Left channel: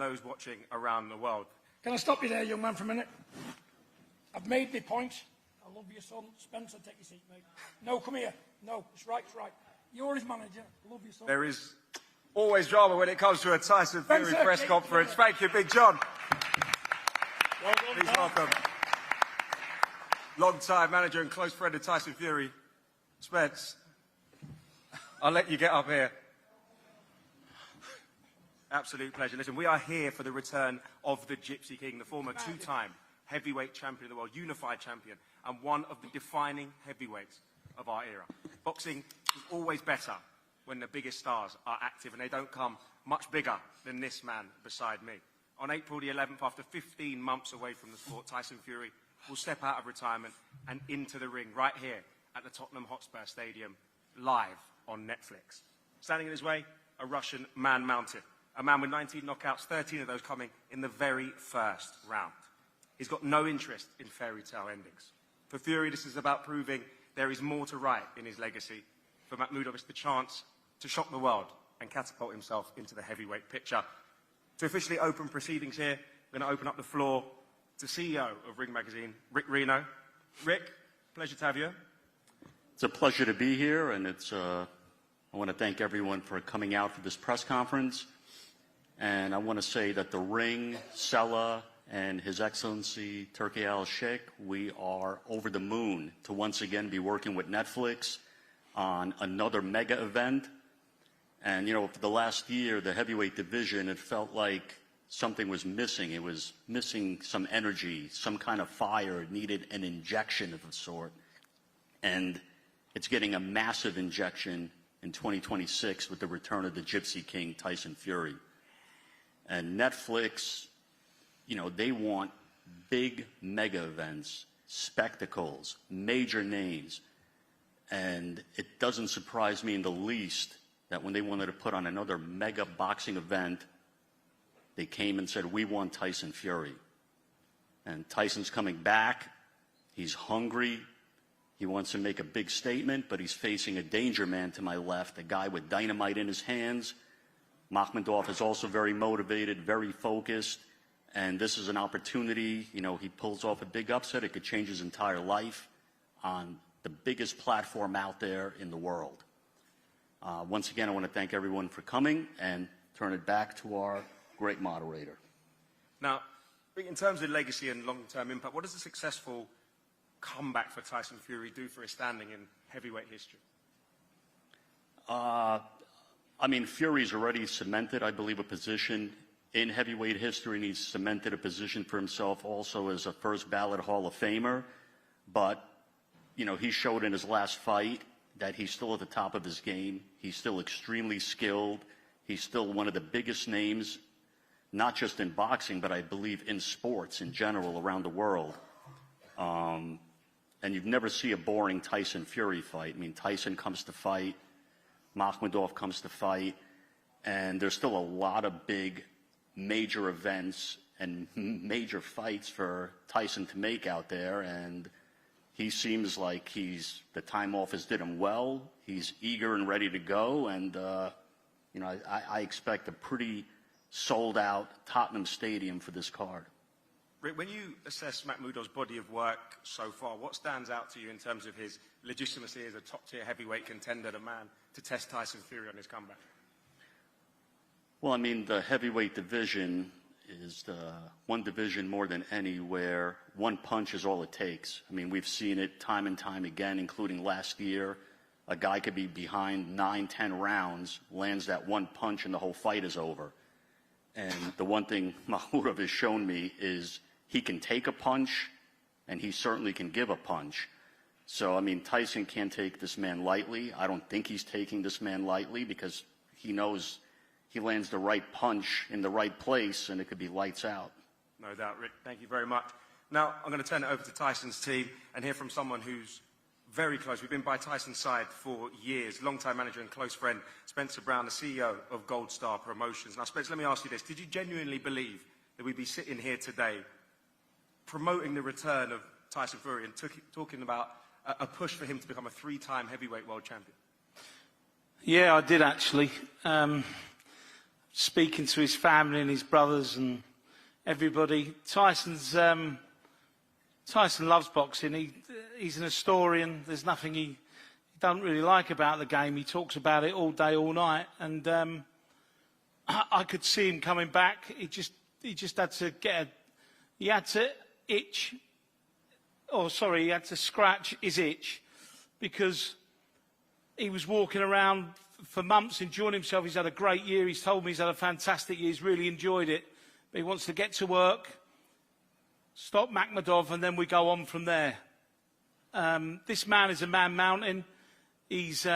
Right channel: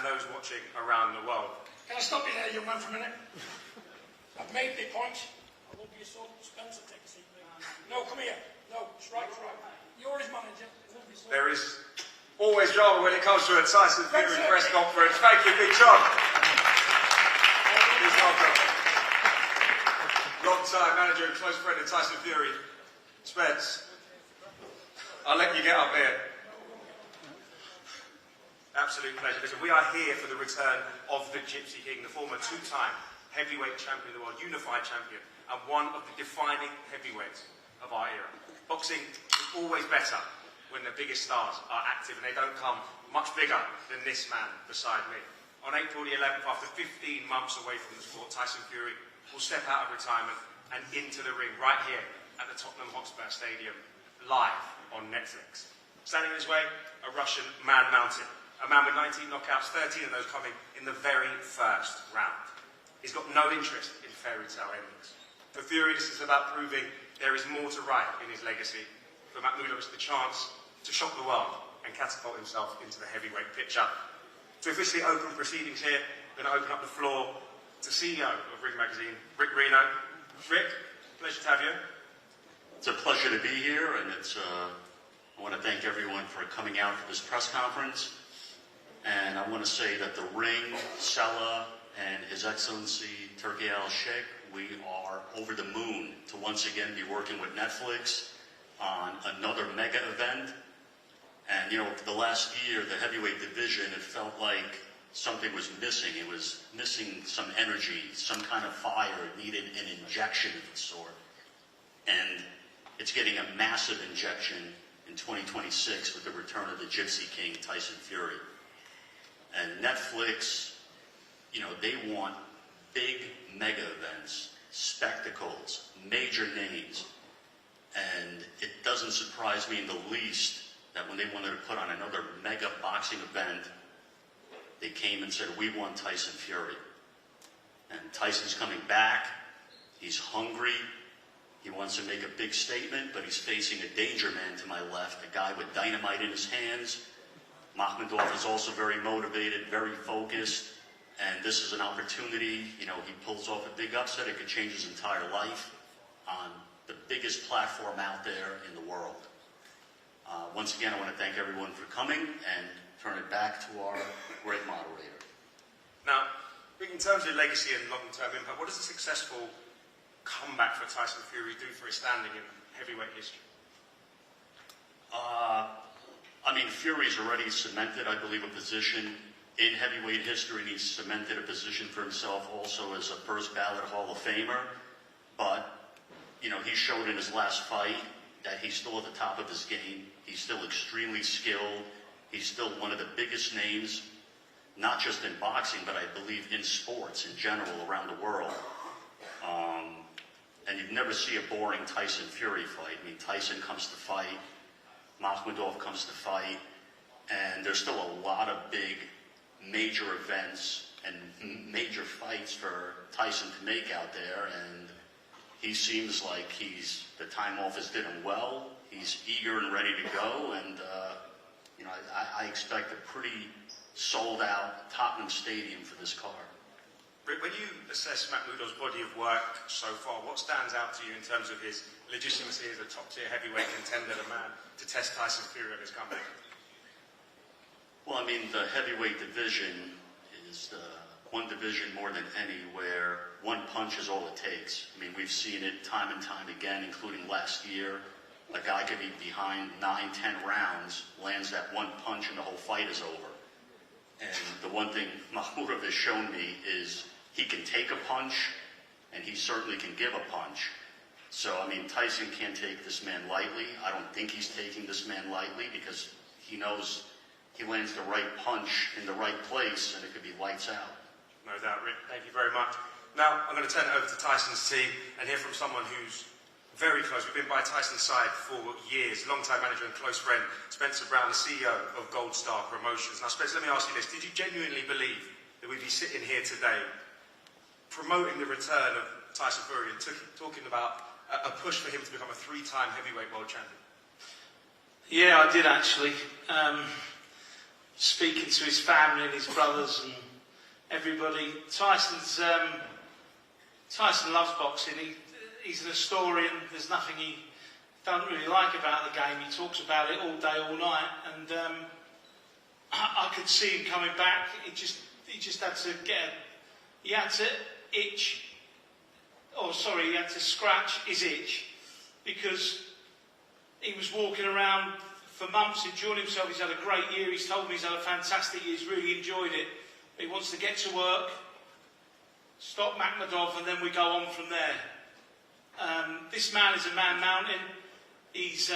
and those watching around the world. Can I stop you there, young man, for a minute? I've made the point. I love you son. Spencer, take a seat, mate. No, come here. No, it's right, it's right. You're his manager. I love you, son. There is always drama when it comes to a Tyson Fury press conference. Thank you, Big John. Please welcome long-time manager and close friend of Tyson Fury, Spence. I'll let you get up here. Absolute pleasure. Listen, we are here for the return of the Gypsy King, the former two-time heavyweight champion, or unified champion, and one of the defining heavyweights of our era. Boxing is always better when the biggest stars are active, and they don't come much bigger than this man beside me. On April the 11th, after 15 months away from the sport, Tyson Fury will step out of retirement and into the ring right here at the Tottenham Hotspur Stadium, live on Netflix. Standing in his way, a Russian man-mounted. A man with 19 knockouts, 13 of those coming in the very first round. He's got no interest in fairy tale endings. For Fury, this is about proving there is more to write in his legacy. For Makhmudov, it's the chance to shock the world and catapult himself into the heavyweight picture. To officially open proceedings here, I'm going to open up the floor to CEO of Ring Magazine, Rick Reno. Rick, pleasure to have you. It's a pleasure to be here, and I want to thank everyone for coming out for this press conference. And I want to say that the Ring, Sella, and His Excellency Turki Al-Sheikh, we are over the moon to once again be working with Netflix on another mega event. And you know, for the last year, the heavyweight division, it felt like something was missing. It was missing some energy, some kind of fire. It needed an injection of its sort. And it's getting a massive injection in 2026 with the return of the Gypsy King, Tyson Fury. And Netflix, you know, they want big mega events, spectacles, major names. And it doesn't surprise me in the least that when they wanted to put on another mega boxing event, they came and said, we want Tyson Fury. And Tyson's coming back. He's hungry. He wants to make a big statement, but he's facing a danger man to my left, a guy with dynamite in his hands. Makhmudov is also very motivated, very focused, and this is an opportunity. You know, he pulls off a big upset. It could change his entire life on the biggest platform out there in the world. Once again, I want to thank everyone for coming and turn it back to our great moderator. Now, in terms of legacy and long-term impact, what does a successful comeback for Tyson Fury do for his standing in heavyweight history? I mean, Fury's already cemented, I believe, a position in heavyweight history. He's cemented a position for himself also as a first ballot Hall of Famer. But, you know, he showed in his last fight that he's still at the top of his game. He's still extremely skilled. He's still one of the biggest names, not just in boxing, but I believe in sports in general around the world. And you'd never see a boring Tyson Fury fight. I mean, Tyson comes to fight. Makhmudov comes to fight, and there's still a lot of big, major events and major fights for Tyson to make out there, and he seems like the time off has did him well. He's eager and ready to go, and you know, I expect a pretty sold-out Tottenham Stadium for this card. Rick, when you assess Makhmudov's body of work so far, what stands out to you in terms of his legitimacy as a top-tier heavyweight contender, the man to test Tyson Fury on his comeback? Well, I mean, the heavyweight division is one division more than any where one punch is all it takes. I mean, we've seen it time and time again, including last year. A guy could be behind 9, 10 rounds, lands that one punch, and the whole fight is over. And the one thing Makhmudov has shown me is he can take a punch, and he certainly can give a punch. So, I mean, Tyson can't take this man lightly. I don't think he's taking this man lightly because he knows he lands the right punch in the right place, and it could be lights out. No doubt, Rick. Thank you very much. Now, I'm going to turn it over to Tyson's team and hear from someone who's very close. We've been by Tyson's side for years. Long-time manager and close friend, Spencer Brown, the CEO of Gold Star Promotions. Now, Spencer, let me ask you this. Did you genuinely believe that we'd be sitting here today promoting the return of Tyson Fury and talking about a push for him to become a 3-time heavyweight world champion? Yeah, I did actually. speaking to his family and his brothers and everybody. Tyson loves boxing. He's an historian. There's nothing he doesn't really like about the game. He talks about it all day, all night, and I could see him coming back. He just had to he had to he had to scratch his itch, because he was walking around for months enjoying himself. He's had a great year. He's told me he's had a fantastic year. He's really enjoyed it. But he wants to get to work, stop Makhmudov, and then we go on from there. This man is a man mountain. He's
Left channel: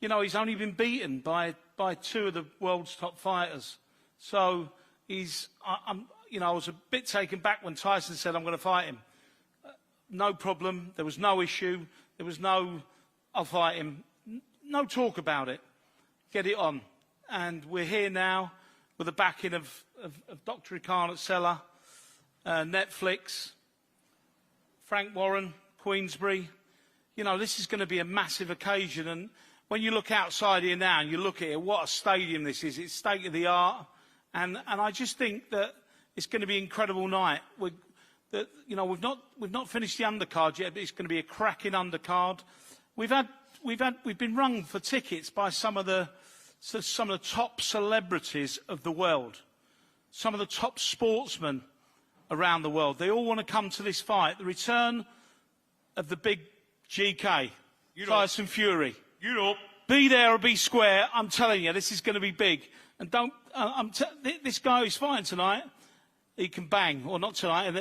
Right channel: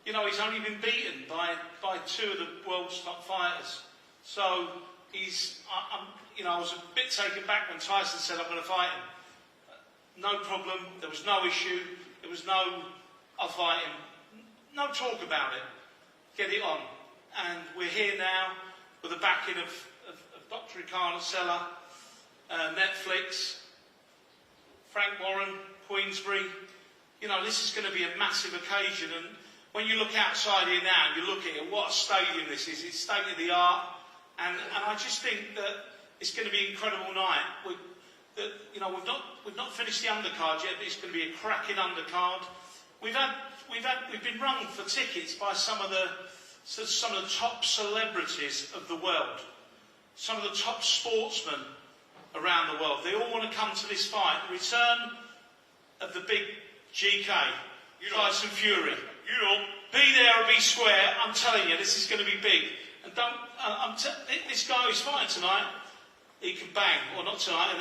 he's only been beaten by two of the world's top fighters. So I was a bit taken back when Tyson said, I'm going to fight him. No problem. There was no issue. There was no, I'll fight him. No talk about it. Get it on. And we're here now with the backing of Dr. Khan at Cellar, Netflix, Frank Warren, Queensbury. This is going to be a massive occasion. And when you look outside here now and you look at it, what a stadium this is. It's state of the art. And I just think that it's going to be an incredible night. We've not finished the undercard yet, but it's going to be a cracking undercard. We've been rung for tickets by some of the top celebrities of the world, some of the top sportsmen around the world. They all want to come to this fight. The return of the big GK, Tyson Fury. Be there or be square. I'm telling you, this is going to be big. And this guy who's fighting tonight, he can bang. Well, not tonight.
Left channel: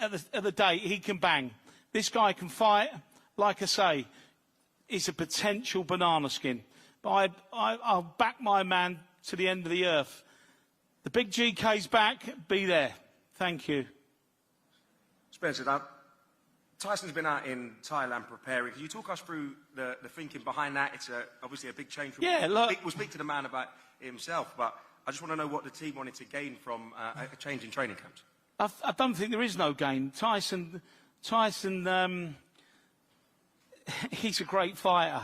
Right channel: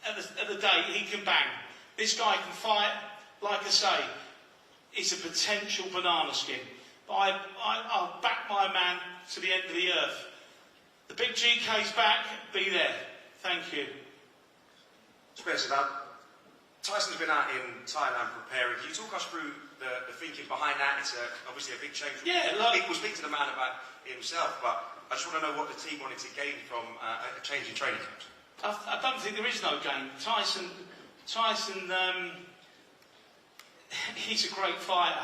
At the date, he can bang. This guy can fight. Like I say, he's a potential banana skin. But I'll back my man to the end of the earth. The big GK's back. Be there. Thank you. Spencer, now, Tyson's been out in Thailand preparing. Can you talk us through the thinking behind that? It's obviously a big change. Yeah, look. We'll speak to the man about himself, but I just want to know what the team wanted to gain from a change in training. I don't think there is no game. Tyson, he's a great fighter.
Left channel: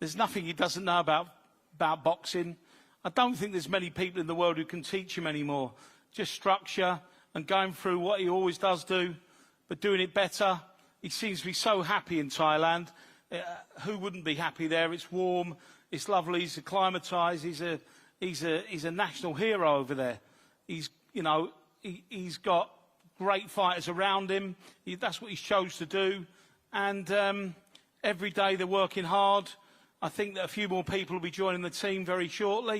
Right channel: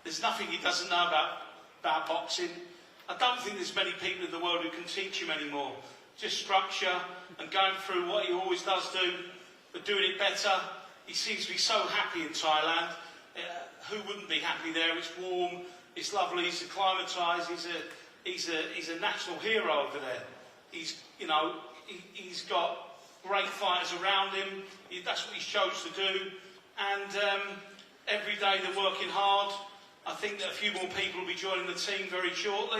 There's nothing he doesn't know about boxing. I don't think there's many people in the world who can teach him anymore. Just structure and going through what he always does do, but doing it better. He seems to be so happy in Thailand. Who wouldn't be happy there? It's warm, it's lovely, he's acclimatised, he's a national hero over there. He's got great fighters around him. That's what he chose to do. And every day they're working hard. I think that a few more people will be joining the team very shortly.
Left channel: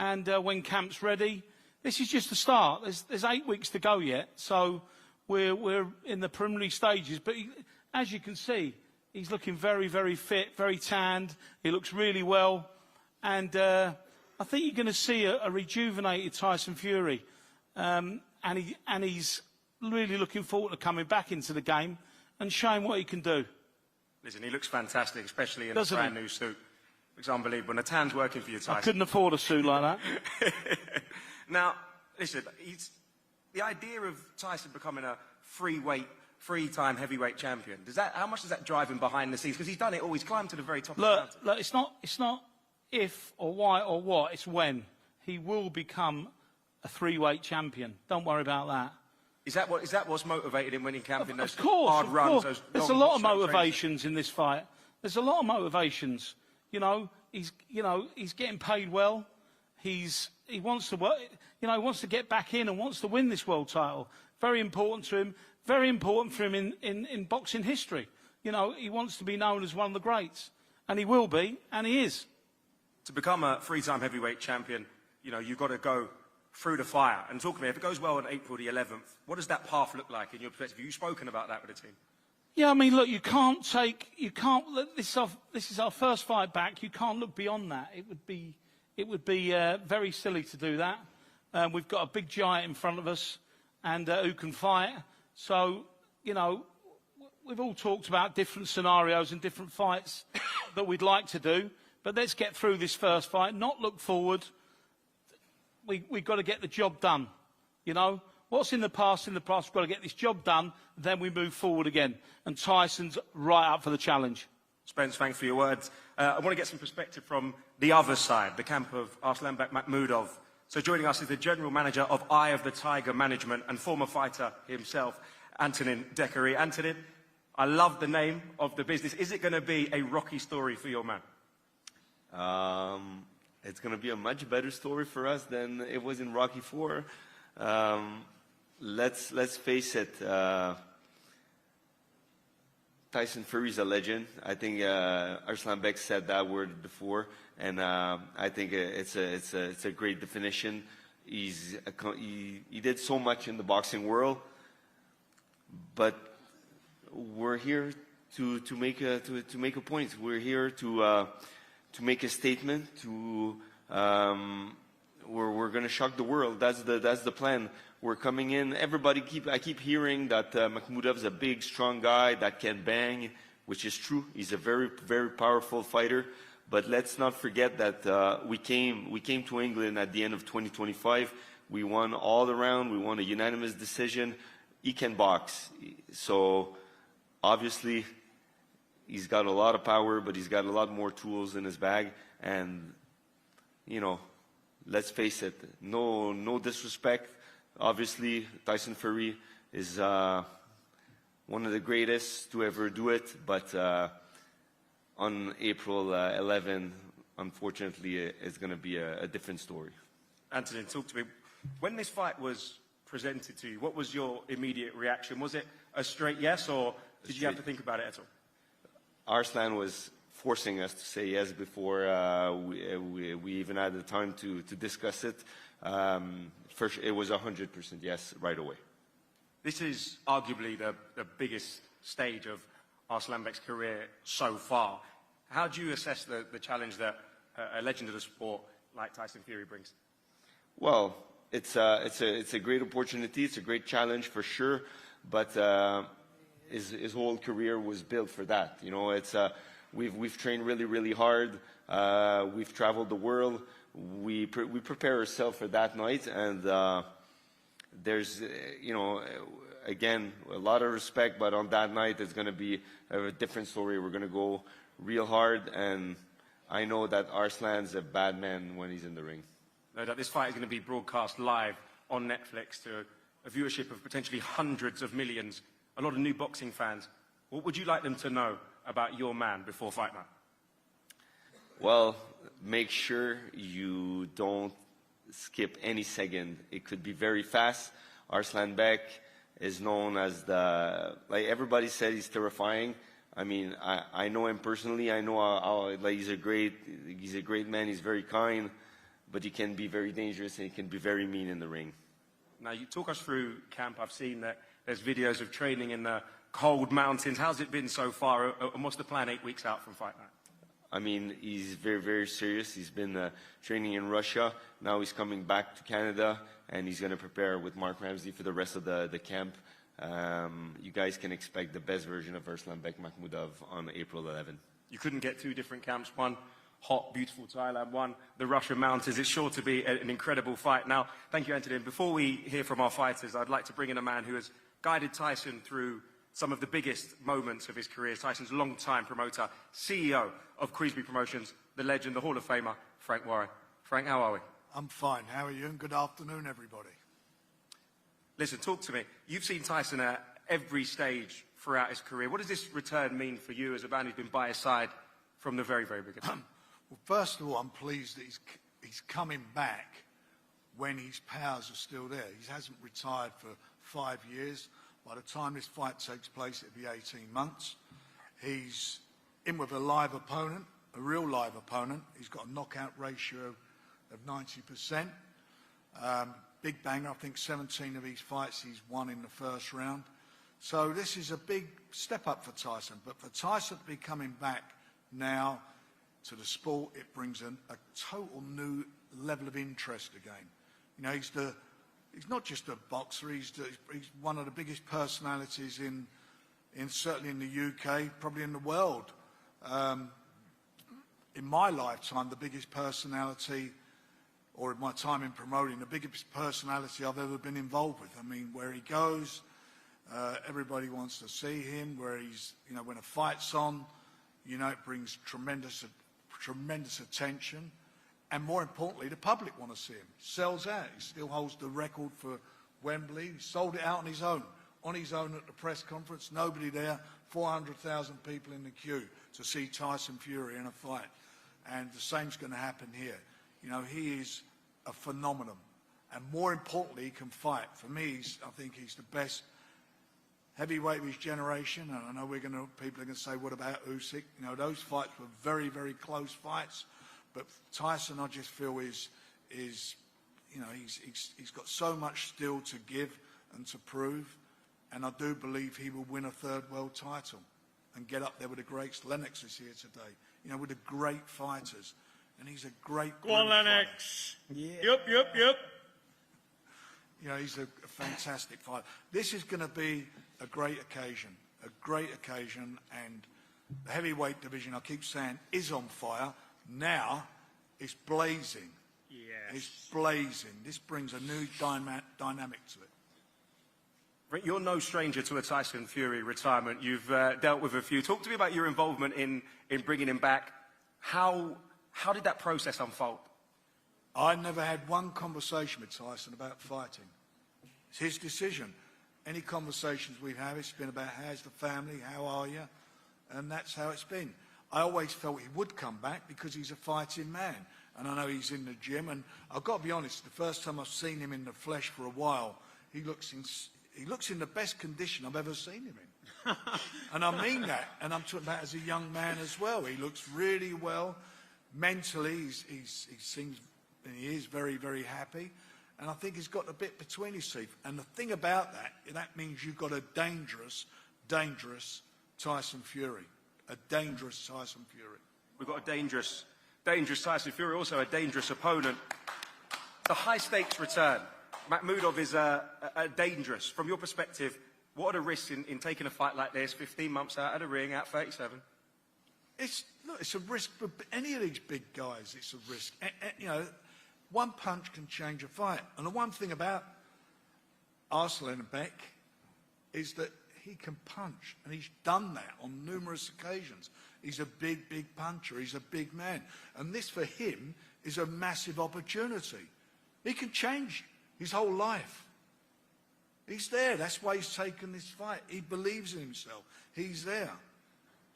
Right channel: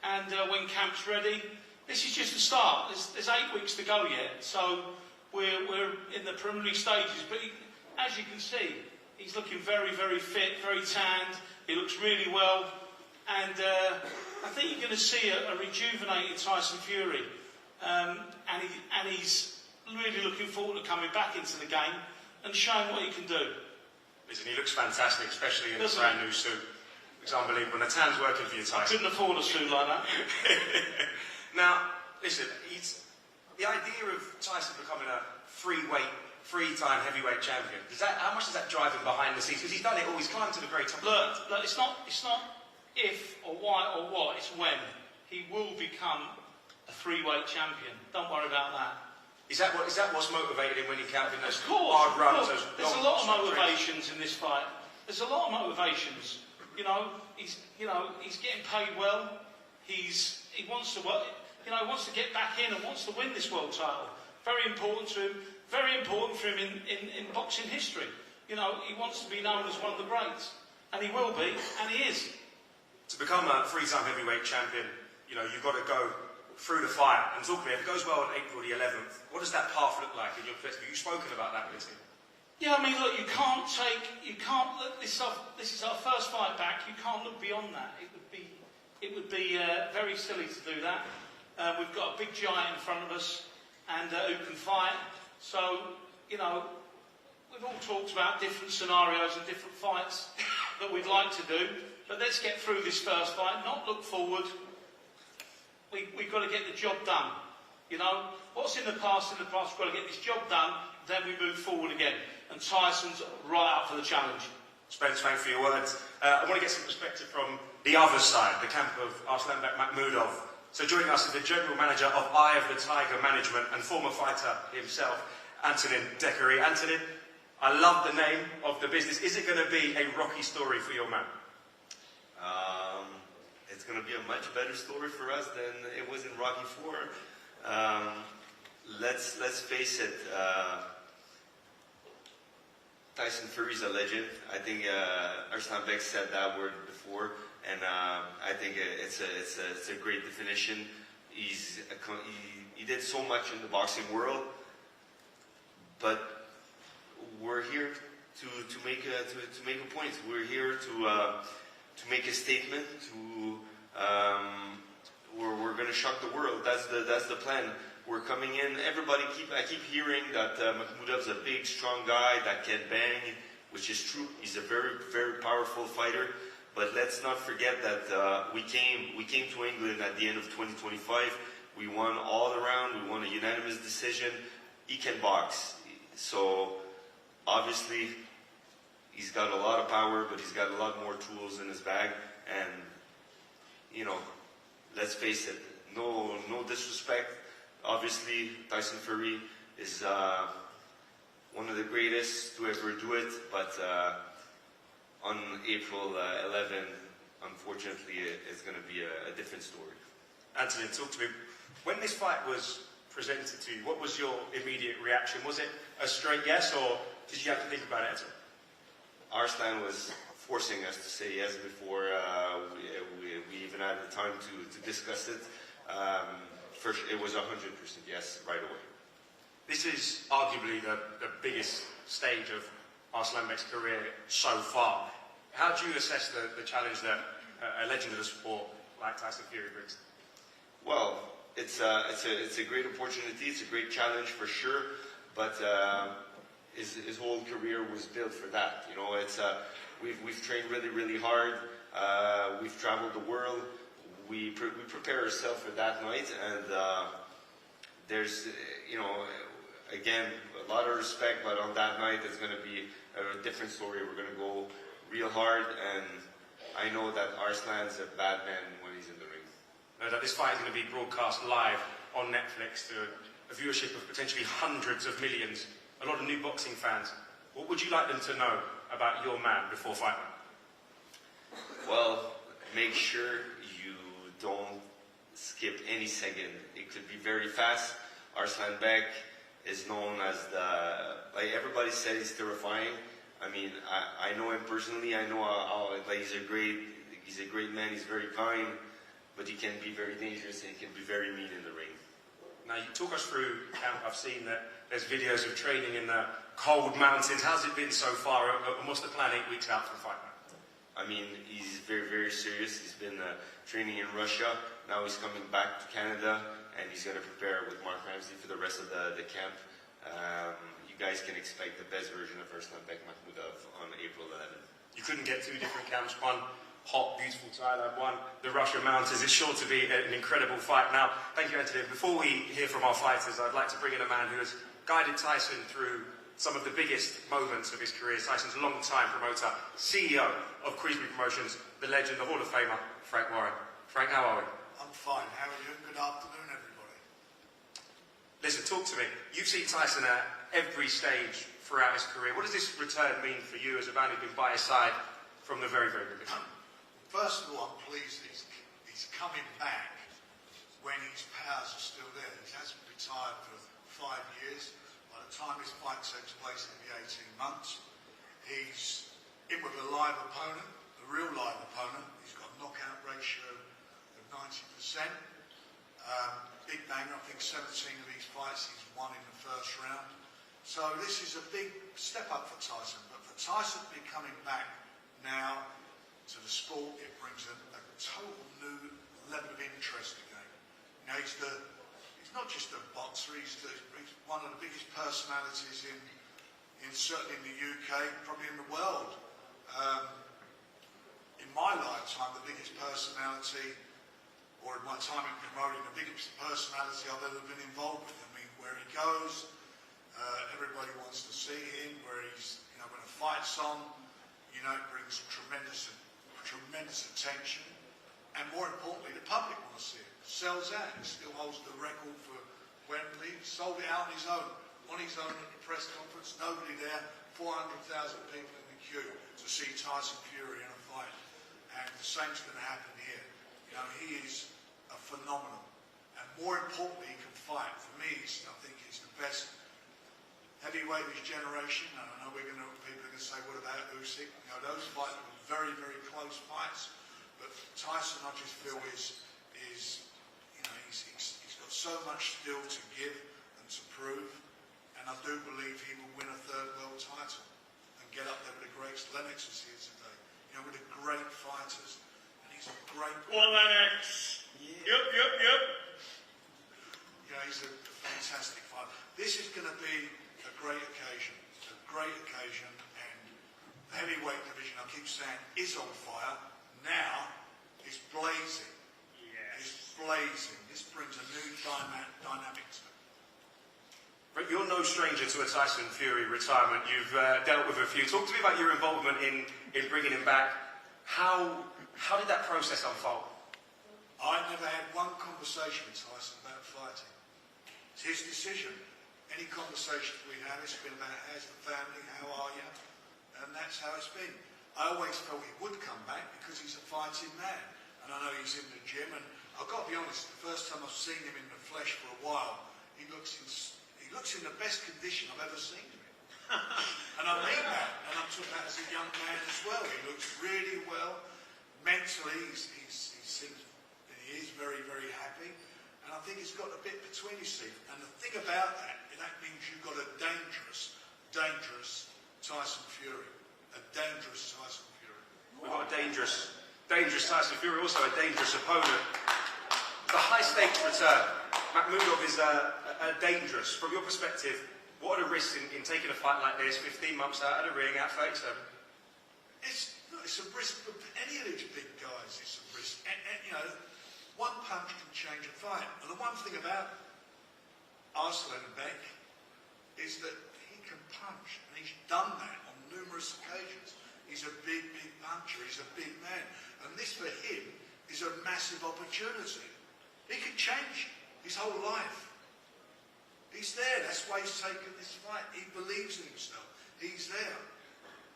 And when camp's ready, this is just a start. There's 8 weeks to go yet, so we're in the preliminary stages. But as you can see, he's looking very, very fit, very tanned. He looks really well. And I think you're going to see a rejuvenated Tyson Fury. And he's really looking forward to coming back into the game and showing what he can do. Listen, he looks fantastic, especially in a brand new suit. It's unbelievable. And the tan's working for you, Tyson. I couldn't afford a suit like that. Now, listen, the idea of Tyson becoming a three-time heavyweight champion, how much does that drive him behind the scenes? Because he's done it all, he's climbed to the very top. Look, it's not if or why or what, it's when. He will become a three-weight champion. Don't worry about that. Is that what's motivating him when he's having those hard runs? There's a lot of motivations in this fight. There's a lot of motivations. He's getting paid well. He wants to work. He wants to get back in and wants to win this world title. Very important to him. Very important for him in boxing history. He wants to be known as one of the greats, and he will be, and he is. To become a three-time heavyweight champion, you've got to go through the fire. And talk to me, if it goes well on April the 11th, what does that path look like in your perspective? You've spoken about that with him. Yeah, I mean, look, this is our first fight back. You can't look beyond that. It would be very silly to do that. We've got a big giant in front of us, and who can fight. So, we've all talked about different scenarios and different fights that we'd like to do. But let's get through this first fight, not look forward. We've got to get the job done. What's in the past, we've got to get this job done, then we move forward again. And Tyson's right up for the challenge. Spence, thanks for your words. I want to get some perspective from the other side, the camp of Arslanbek Makhmudov. So joining us is the General Manager of Eye of the Tiger Management and former fighter himself, Antonin Dekary. Antonin, I love the name of the business. Is it going to be a rocky story for your man? It's going to be a much better story for us than it was in Rocky 4. Let's face it. Tyson Fury's a legend. I think Arslanbek said that word before, and I think it's a great definition. He did so much in the boxing world, but we're here to make a point. We're here to make a statement. We're going to shock the world. That's the plan. We're coming in. I keep hearing that Makhmudov's a big, strong guy that can bang, which is true. He's a very, very powerful fighter. But let's not forget that we came to England at the end of 2025. We won all around. We won a unanimous decision. He can box. So obviously he's got a lot of power, but he's got a lot more tools in his bag. And let's face it. No disrespect. Obviously, Tyson Fury is one of the greatest to ever do it, but on April 11, unfortunately, it's going to be a different story. Anthony, talk to me. When this fight was presented to you, what was your immediate reaction? Was it a straight yes, or did you have to think about it? Arslan was forcing us to say yes before we even had the time to discuss it. First, it was 100% yes right away. This is arguably the biggest stage of Arslanbek's career so far. How do you assess the challenge that a legend of the sport like Tyson Fury brings? Well, it's a great opportunity. It's a great challenge for sure. But his whole career was built for that. We've trained really, really hard. We've traveled the world. We prepare ourselves for that night, and there's, again, a lot of respect, but on that night it's going to be a different story. We're going to go real hard, and I know that Arslan's a bad man when he's in the ring. This fight is going to be broadcast live on Netflix to a viewership of potentially hundreds of millions, a lot of new boxing fans. What would you like them to know about your man before fight night? Well, make sure you don't skip any second. It could be very fast. Arslanbek is known as everybody said he's terrifying. I mean, I know him personally. I know how he's a great man. He's very kind, but he can be very dangerous and he can be very mean in the ring. Now, you talk us through camp. I've seen that there's videos of training in the cold mountains. How's it been so far? And what's the plan 8 weeks out from fight night? I mean, he's very, very serious. He's been training in Russia. Now he's coming back to Canada, and he's going to prepare with Mark Ramsey for the rest of the camp. You guys can expect the best version of Arslanbek Makhmudov on April 11th. You couldn't get 2 different camps. One hot, beautiful Thailand, one the Russian mountains. It's sure to be an incredible fight. Now, thank you, Anthony. Before we hear from our fighters, I'd like to bring in a man who has guided Tyson through some of the biggest moments of his career. Tyson's long-time promoter, CEO of Creepy Promotions, the legend, the Hall of Famer, Frank Warren. Frank, how are we? I'm fine. How are you? And good afternoon, everybody. Listen, talk to me. You've seen Tyson at every stage throughout his career. What does this return mean for you as a man who's been by his side from the very, very beginning? Well, first of all, I'm pleased that he's coming back when his powers are still there. He hasn't retired for 5 years. By the time this fight takes place, it'll be 18 months. He's in with a live opponent, a real live opponent. He's got a knockout ratio of 90%. Big bang, I think 17 of these fights he's won in the first round. So this is a big step up for Tyson. But for Tyson to be coming back now to the sport, it brings a total new level of interest again. He's not just a boxer, he's one of the biggest personalities certainly in the UK, probably in the world. In my lifetime, the biggest personality, or in my time in promoting, the biggest personality I've ever been involved with. I mean, where he goes, everybody wants to see him, when a fight's on, You know, it brings tremendous attention, and more importantly, the public want to see him. Sells out. He still holds the record for Wembley. He sold it out on his own at the press conference. Nobody there. 400,000 people in the queue to see Tyson Fury in a fight, and the same's going to happen here. You know, he is a phenomenon, and more importantly, he can fight. For me, I think he's the best heavyweight of his generation. And I know people are going to say, what about Usyk? You know, those fights were very, very close fights. But Tyson, I just feel is you know, he's got so much still to give and to prove. And I do believe he will win a third world title and get up there with the greats. Lennox is here today, you know, with the great fighters. And he's a great... Go on, Lennox. Yeah. Yep. You know, he's a fantastic fighter. This is going to be a great occasion, and the heavyweight division, I keep saying, is on fire. Now, it's blazing. Yes. It's blazing. This brings a new dynamic to it. Rick, you're no stranger to a Tyson Fury retirement. You've dealt with a few. Talk to me about your involvement in bringing him back. How did that process unfold? I never had one conversation with Tyson about fighting. It's his decision. Any conversations we've had, it's been about how's the family, how are you? And that's how it's been. I always felt he would come back because he's a fighting man. And I know he's in the gym. And I've got to be honest, the first time I've seen him in the flesh for a while, he looks in the best condition I've ever seen him in. And I mean that. And I'm talking about as a young man as well. He looks really well. Mentally, he is very, very happy. And I think he's got a bit between his teeth. And the thing about that means you've got a dangerous Tyson Fury. A dangerous Tyson Fury. We've got a dangerous Tyson Fury, also a dangerous opponent. The high-stakes return. Makhmudov is a dangerous. From your perspective, what are the risks in taking a fight like this, 15 months out of the ring at 37? It's a risk for any of these big guys. It's a risk. You know, one punch can change a fight. And the one thing about Arslanbek is that he can punch, and he's done that on numerous occasions. He's a big puncher. He's a big man. And this, for him, is a massive opportunity. He can change his whole life. He's there. That's why he's taken this fight. He believes in himself. He's there.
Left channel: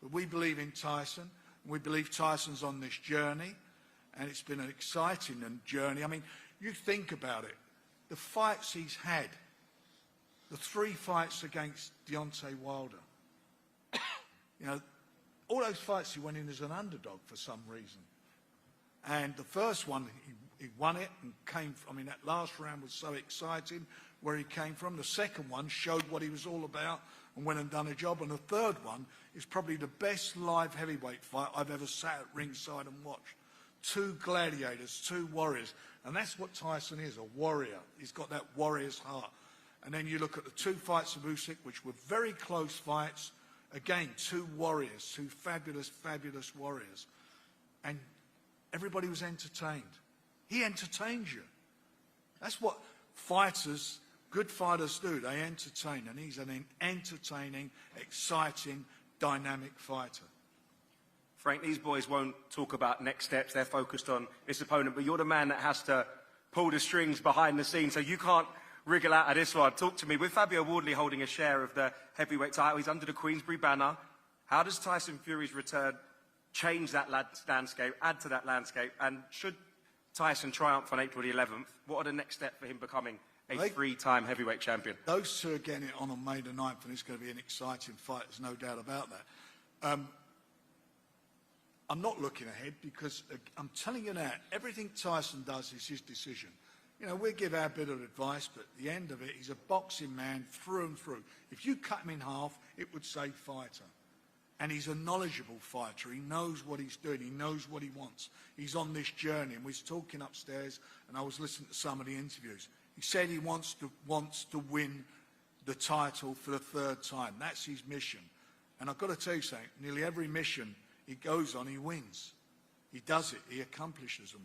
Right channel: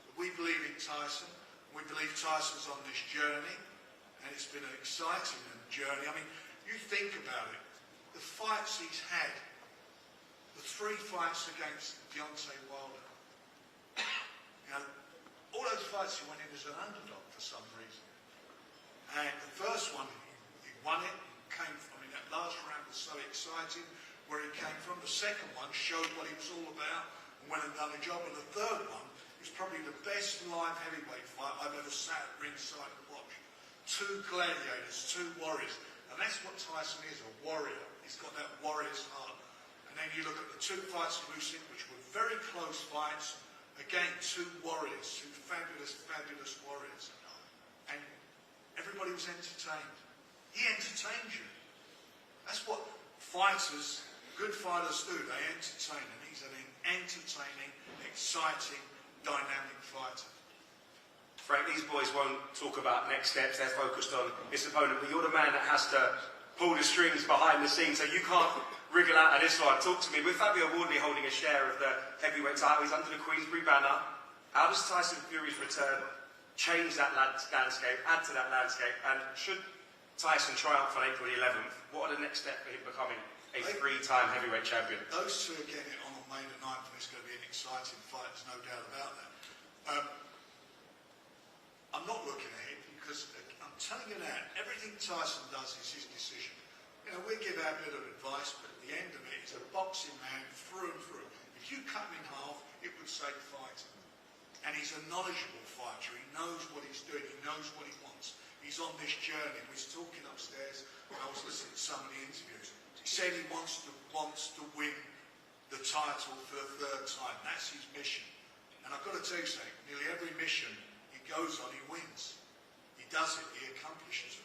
But we believe in Tyson. We believe Tyson's on this journey. And it's been an exciting journey. I mean, you think about it. The fights he's had. The 3 fights against Deontay Wilder. You know, all those fights he went in as an underdog for some reason. And the first one, he won it and came from, that last round was so exciting where he came from. The second one showed what he was all about and went and done a job. And the third one is probably the best live heavyweight fight I've ever sat at ringside and watched. 2 gladiators, 2 warriors. And that's what Tyson is, a warrior. He's got that warrior's heart. And then you look at the 2 fights of Usyk, which were very close fights. Again, 2 warriors, 2 fabulous warriors. And everybody was entertained. He entertains you. That's what fighters, good fighters do. They entertain. And he's an entertaining, exciting, dynamic fighter. Frank, these boys won't talk about next steps. They're focused on this opponent. But you're the man that has to pull the strings behind the scenes. So you can't wriggle out of this one. Talk to me. With Fabio Wardley holding a share of the heavyweight title, he's under the Queensberry banner. How does Tyson Fury's return change that landscape, add to that landscape? And should Tyson triumph on April the 11th, what are the next steps for him becoming a 3-time heavyweight champion? Those 2 are getting it on May the 9th, and it's going to be an exciting fight. There's no doubt about that. I'm not looking ahead because I'm telling you now, everything Tyson does is his decision. You know, we give our bit of advice, but at the end of it, he's a boxing man through and through. If you cut him in half, it would say fighter. And he's a knowledgeable fighter. He knows what he's doing. He knows what he wants. He's on this journey. And we was talking upstairs, and I was listening to some of the interviews. He said he wants to win the title for the 3rd time. That's his mission. And I've got to tell you something. Nearly every mission he goes on, he wins. He does it. He accomplishes them.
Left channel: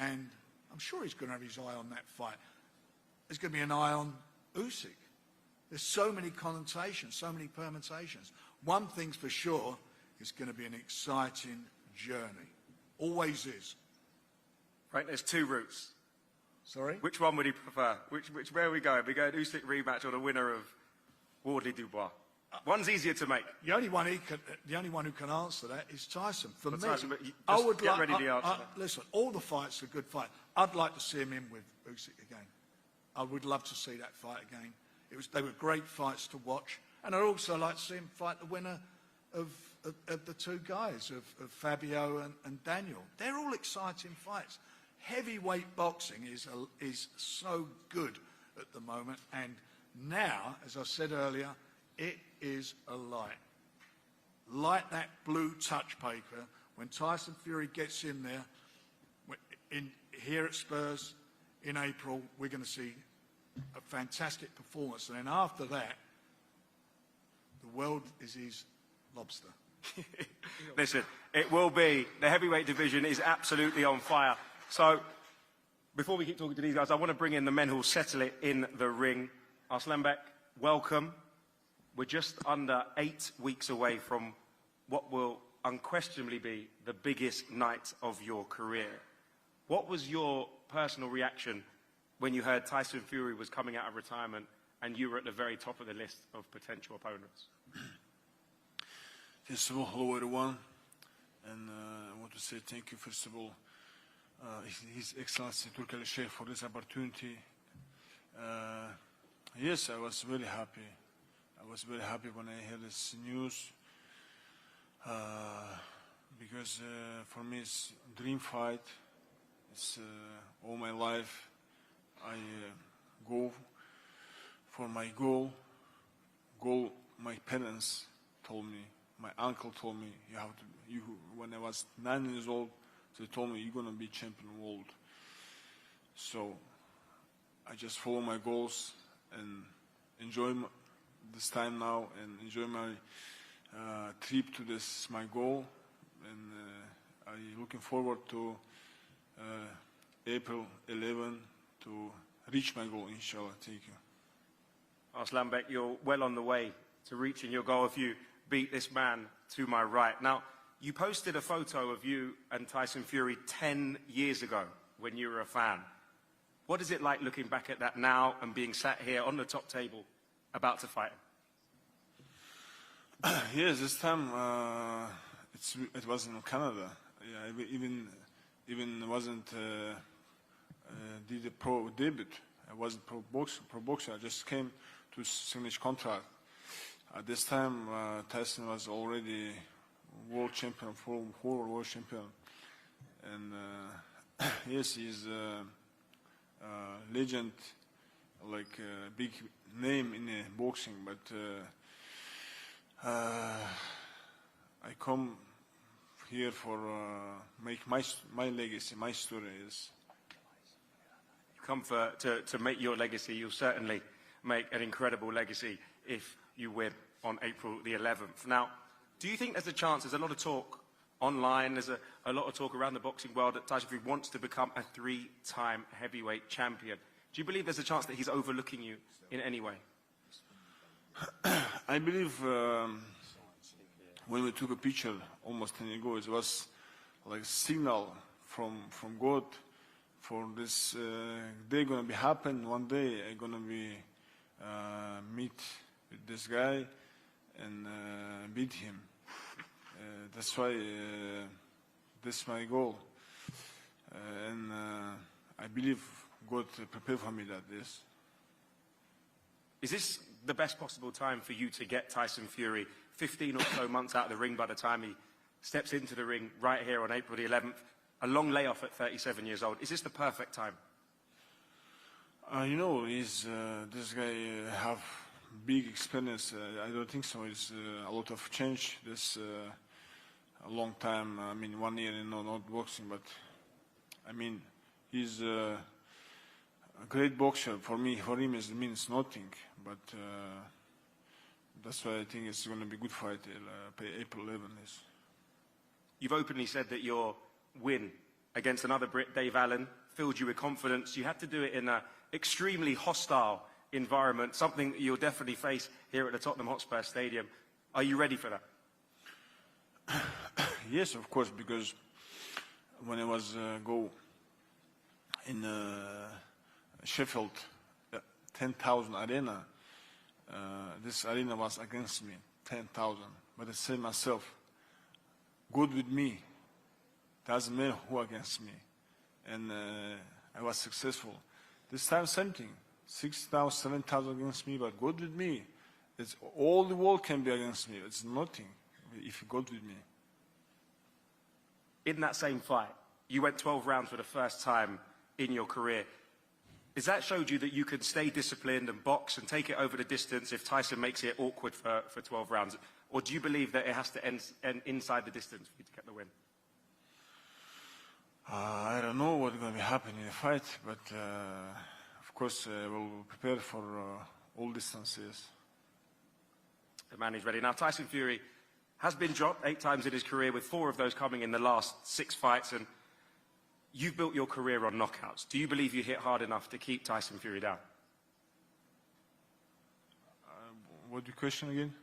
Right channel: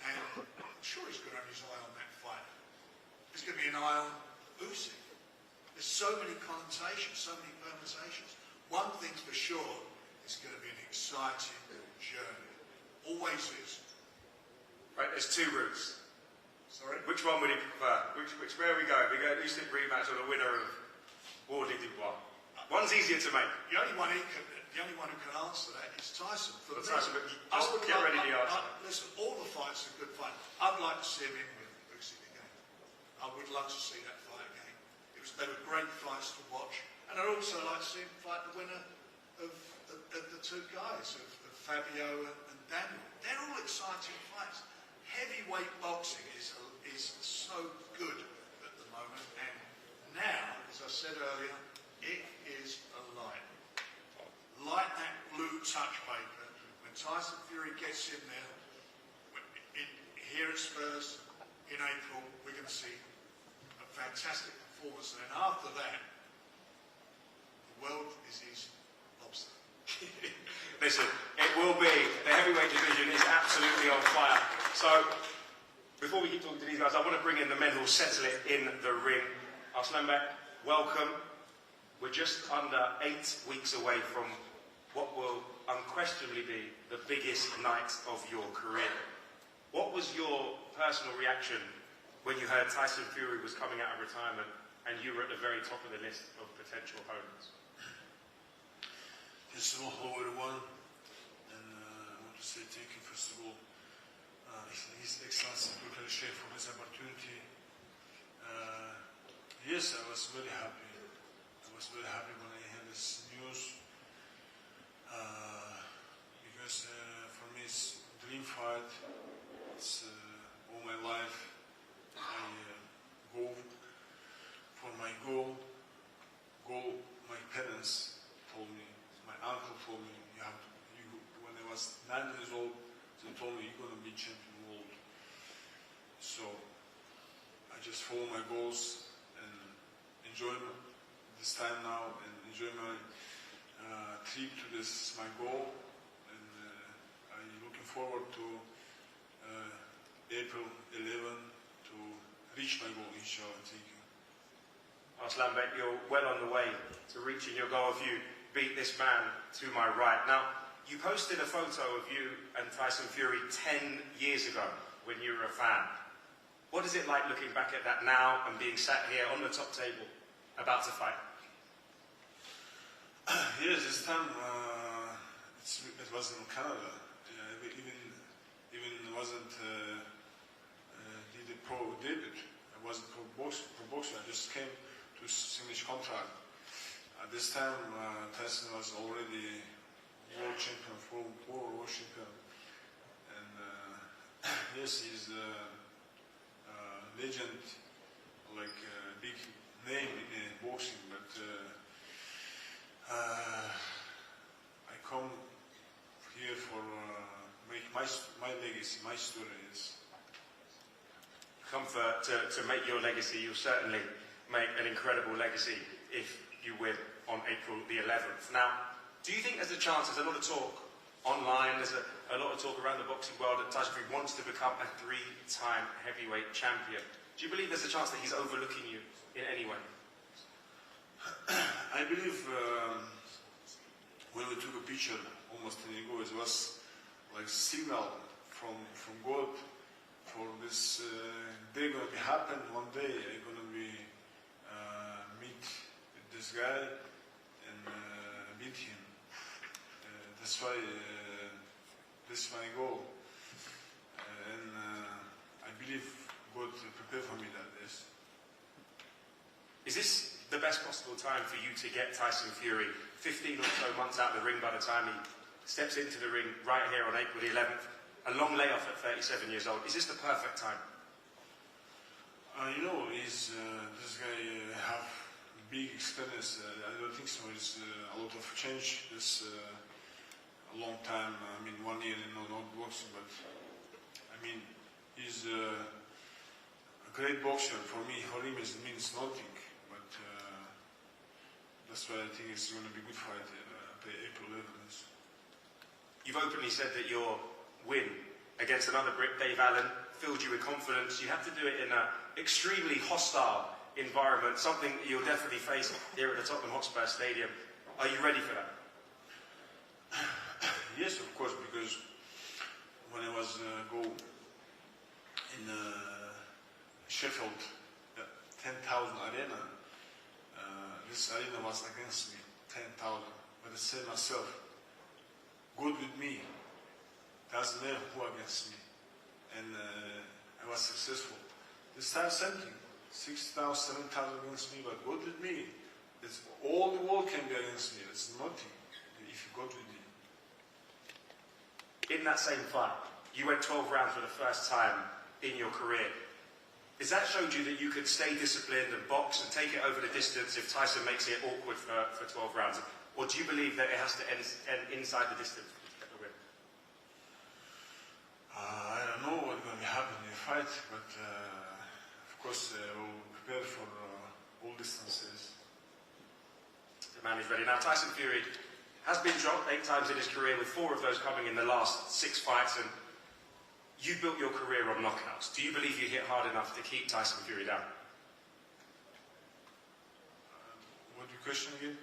And I'm sure he's going to have his eye on that fight. There's going to be an eye on Usyk. There's so many connotations, so many permutations. One thing's for sure, It's going to be an exciting journey. Always is. Right, there's two routes. Sorry? Which one would you prefer? Where we go? We go Usyk rematch or the winner of Wardy Dubois? One's easier to make. The only one who can answer that is Tyson. For me, Tyson, look, I would get ready to answer. listen. All the fights are good fights. I'd like to see him in with Usyk again. I would love to see that fight again. They were great fights to watch, and I'd also like to see him fight the winner of the two guys of Fabio and Daniel. They're all exciting fights. Heavyweight boxing is so good at the moment, and now, as I said earlier, it is alive. Like that blue touch paper, when Tyson Fury gets in there, here at Spurs in April, we're going to see a fantastic performance. And then after that, the world is his lobster. Listen, it will be. The heavyweight division is absolutely on fire. So, before we keep talking to these guys, I want to bring in the men who will settle it in the ring. Arslanbek, welcome. We're just under 8 weeks away from what will unquestionably be the biggest night of your career. What was your personal reaction when you heard Tyson Fury was coming out of retirement and you were at the very top of the list of potential opponents? First of all, hello everyone, and I want to say thank you first of all His Excellency Turkish Sheikh for this opportunity. Yes, I was very happy. I was very happy when I heard this news because for me it's a dream fight. It's all my life I go for my goal. My parents told me, my uncle told me, when I was 9 years old, they told me you're gonna be champion world. So I just follow my goals and enjoy this time now and enjoy my trip to this my goal, and I'm looking forward to April 11 to reach my goal, inshallah. Thank you. Arslanbek, you're well on the way to reaching your goal if you beat this man to my right. Now, you posted a photo of you and Tyson Fury 10 years ago when you were a fan. What is it like looking back at that now and being sat here on the top table about to fight? Yes, this time it was in Canada. Yeah, even wasn't did the pro debut. I was a pro boxer. I just came to finish contract. At this time, Tyson was already world champion, four world champion, and yes, he's a legend, like a big name in boxing. But I come here for make my legacy, my story is. Come to make your legacy. You'll certainly make an incredible legacy if you win on April the 11th. Now, do you think there's a chance, there's a lot of talk online, there's a lot of talk around the boxing world that Tyson Fury wants to become a 3-time heavyweight champion. Do you believe there's a chance that he's overlooking you in any way? I believe when we took a picture almost 10 years ago, it was like a signal from God for this day gonna be happen. One day I'm gonna be meet with this guy and beat him. That's why this is my goal, and I believe God prepared for me that this. Is this the best possible time for you to get Tyson Fury 15 or so months out of the ring by the time he steps into the ring right here on April the 11th? A long layoff at 37 years old. Is this the perfect time? You know, this guy have big experience. I don't think so. It's a lot of change. This a long time. I mean, 1 year not boxing, but I mean, he's a great boxer. For me, for him, it means nothing. But that's why I think it's going to be good fight. April 11th. You've openly said that your win against another Brit, Dave Allen, filled you with confidence. You had to do it in an extremely hostile environment, something you'll definitely face here at the Tottenham Hotspur Stadium. Are you ready for that? Yes, of course, because when I was go in Sheffield, 10,000 arena, this arena was against me, 10,000. But I said myself, God with me, doesn't matter who against me. And I was successful. This time same thing, 6,000, 7,000 against me, but God with me. It's all the world can be against me. It's nothing if God with me. In that same fight, you went 12 rounds for the first time in your career. Has that showed you that you could stay disciplined and box and take it over the distance if Tyson makes it awkward for 12 rounds? Or do you believe that it has to end inside the distance to get the win? I don't know what's going to happen in the fight, but of course we'll prepare for all distances. The man is ready. Now, Tyson Fury has been dropped 8 times in his career, with 4 of those coming in the last 6 fights, and you built your career on knockouts. Do you believe you hit hard enough to keep Tyson Fury down? What's the question again?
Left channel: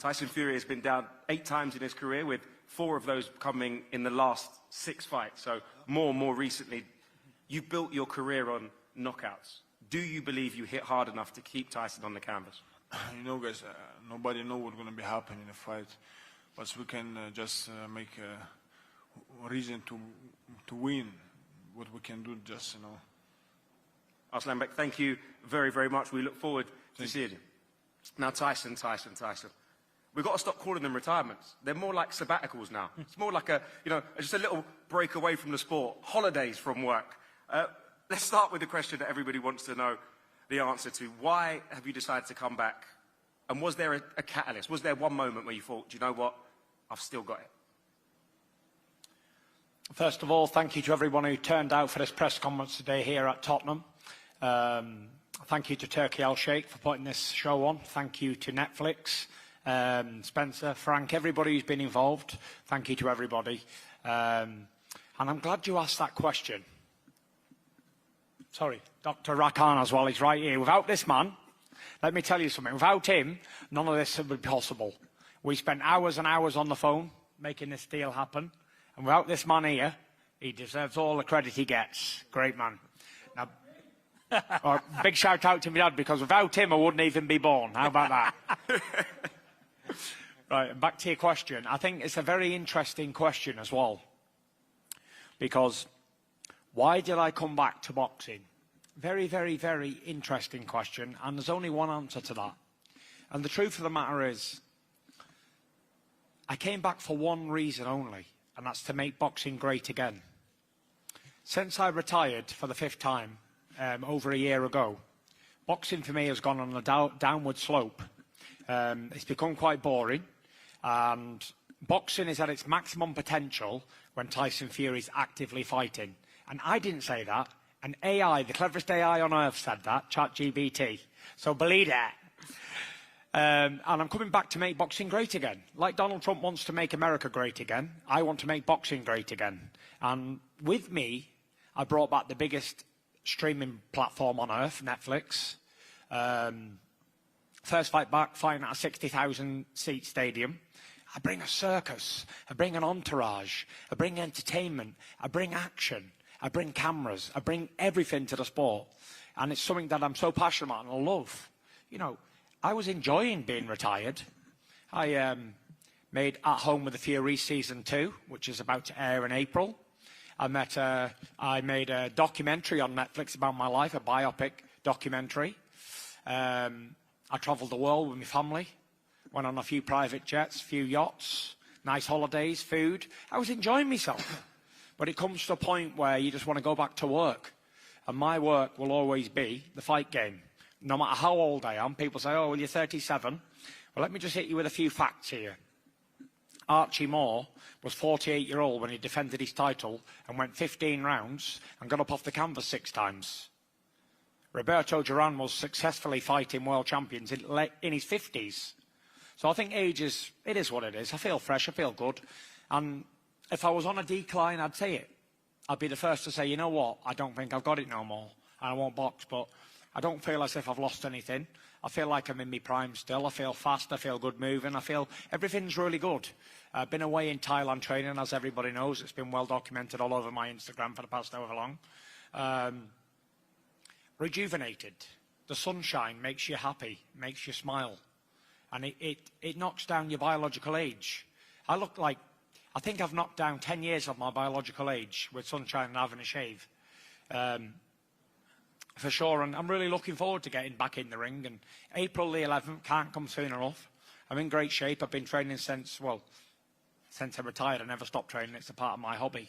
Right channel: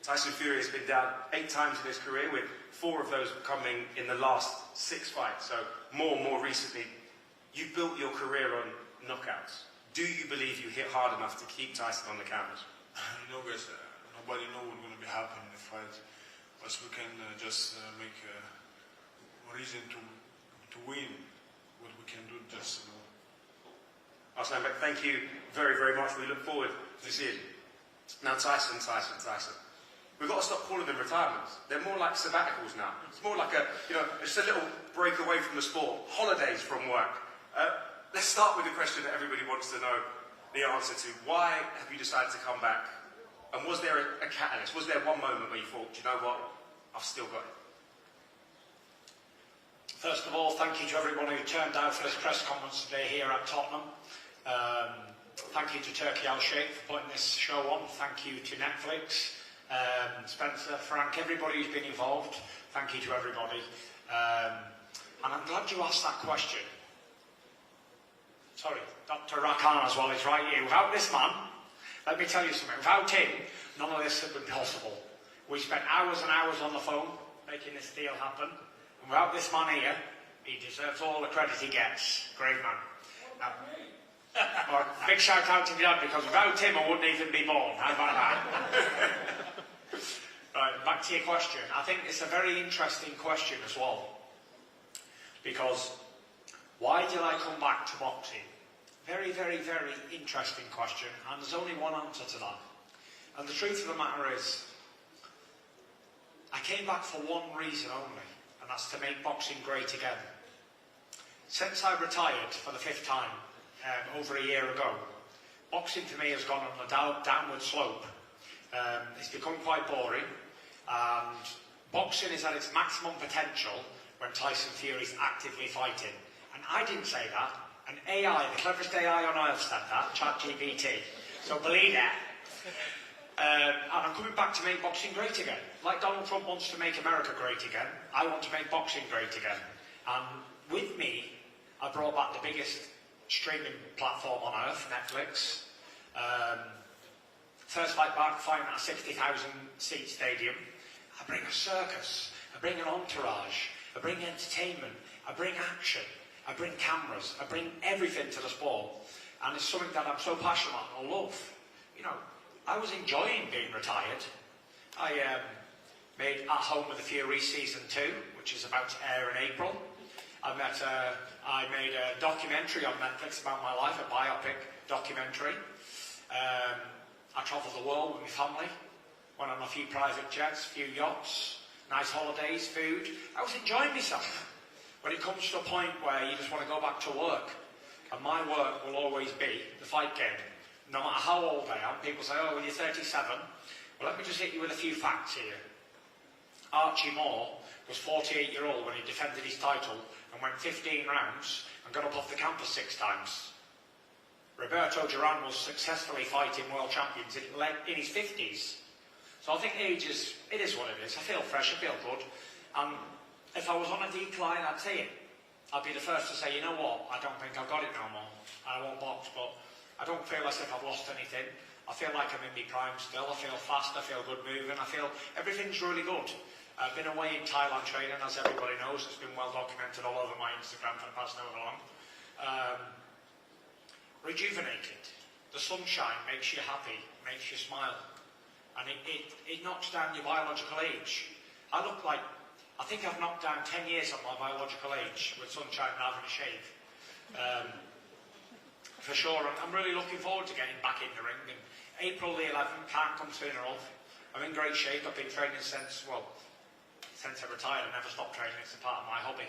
Tyson Fury has been down 8 times in his career, with 4 of those coming in the last 6 fights. So more recently, you've built your career on knockouts. Do you believe you hit hard enough to keep Tyson on the canvas? No, guys, nobody knows what's going to be happening in the fight, but we can just make a reason to win. What we can do, just Arslanbek, thank you very much. We look forward to seeing you. Now, Tyson. We've got to stop calling them retirements. They're more like sabbaticals now. It's more like just a little break away from the sport, holidays from work. Let's start with the question that everybody wants to know the answer to. Why have you decided to come back? And was there a catalyst? Was there one moment where you thought, do you know what, I've still got it? First of all, thank you to everyone who turned out for this press conference today here at Tottenham. Thank you to Turkey Al Sheikh for putting this show on. Thank you to Netflix, Spencer, Frank, everybody who's been involved. Thank you to everybody. And I'm glad you asked that question. Sorry, Dr. Rakan as well, he's right here. Without this man, let me tell you something, without him, none of this would be possible. We spent hours and hours on the phone making this deal happen. And without this man here, he deserves all the credit he gets. Great man. Now, big shout out to my dad, because without him I wouldn't even be born. How about that? Right, back to your question. I think it's a very interesting question as well. Because why did I come back to boxing? Very interesting question, and there's only one answer to that. And the truth of the matter is, I came back for one reason only, and that's to make boxing great again. Since I retired for the 5th time, over a year ago, boxing for me has gone on a downward slope. It's become quite boring, and boxing is at its maximum potential when Tyson Fury is actively fighting. And I didn't say that. An AI, the cleverest AI on earth, said that, ChatGPT. So believe that. And I'm coming back to make boxing great again. Like Donald Trump wants to make America great again, I want to make boxing great again. And with me, I brought back the biggest streaming platform on earth, Netflix. First fight back, fighting at a 60,000 seat stadium. I bring a circus, I bring an entourage, I bring entertainment, I bring action, I bring cameras, I bring everything to the sport. And it's something that I'm so passionate and I love. You know, I was enjoying being retired. I made At Home with the Fury Season 2, which is about to air in April. I made a documentary on Netflix about my life, a biopic documentary. I travelled the world with my family, went on a few private jets, a few yachts, nice holidays, food. I was enjoying myself. But it comes to a point where you just want to go back to work. And my work will always be the fight game. No matter how old I am, people say, oh, you're 37. Well, let me just hit you with a few facts here. Archie Moore was 48-year-old when he defended his title and went 15 rounds and got up off the canvas 6 times. Roberto Duran was successfully fighting world champions in his 50s. So I think age is, it is what it is. I feel fresh, I feel good. And if I was on a decline, I'd say it. I'd be the first to say, you know what, I don't think I've got it no more. I won't box, but I don't feel as if I've lost anything. I feel like I'm in my prime still. I feel fast, I feel good moving, I feel everything's really good. I've been away in Thailand training, as everybody knows. It's been well documented all over my Instagram for the past however long. Rejuvenated. The sunshine makes you happy, makes you smile. And it knocks down your biological age. I think I've knocked down 10 years of my biological age with sunshine and having a shave. For sure, and I'm really looking forward to getting back in the ring. And April the 11th can't come soon enough. I'm in great shape. I've been training since I retired. I never stopped training. It's a part of my hobby.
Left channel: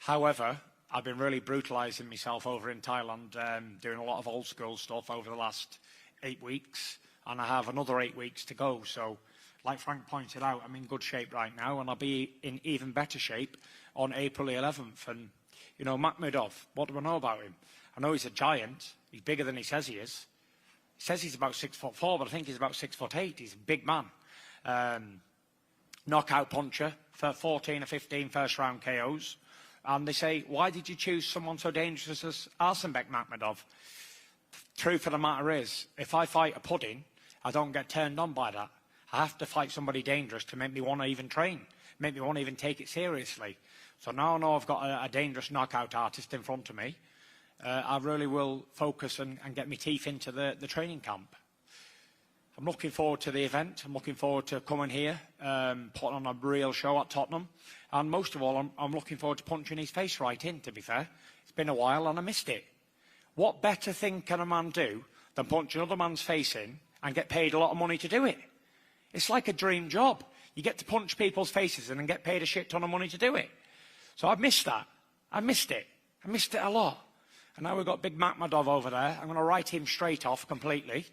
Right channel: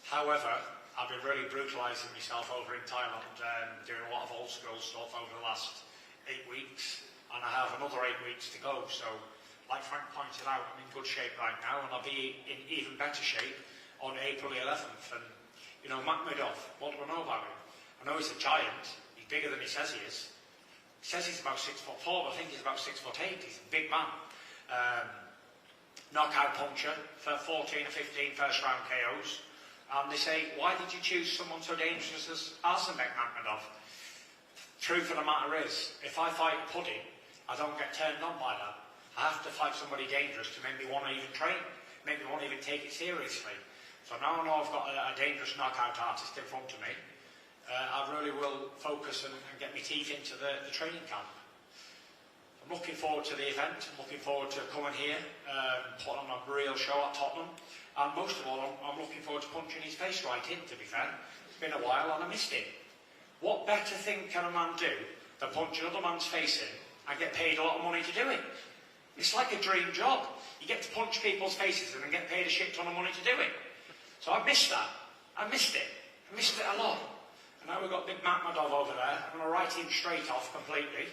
However, I've been really brutalising myself over in Thailand, doing a lot of old school stuff over the last 8 weeks, and I have another 8 weeks to go. So, like Frank pointed out, I'm in good shape right now, and I'll be in even better shape on April the 11th. And, you know, Makhmudov, what do I know about him? I know he's a giant. He's bigger than he says he is. He says he's about 6'4", but I think he's about 6'8". He's a big man. Knockout puncher for 14 or 15 first-round KOs. And they say, why did you choose someone so dangerous as Arslanbek Makhmudov? Truth of the matter is, if I fight a pudding, I don't get turned on by that. I have to fight somebody dangerous to make me want to even train, make me want to even take it seriously. So now I know I've got a dangerous knockout artist in front of me. I really will focus and get my teeth into the training camp. I'm looking forward to the event. I'm looking forward to coming here, putting on a real show at Tottenham. And most of all, I'm looking forward to punching his face right in, to be fair. It's been a while and I missed it. What better thing can a man do than punch another man's face in and get paid a lot of money to do it? It's like a dream job. You get to punch people's faces in and get paid a shit ton of money to do it. So I've missed that. I missed it. I missed it a lot. And now we've got big Makhmudov over there. I'm going to write him straight off completely.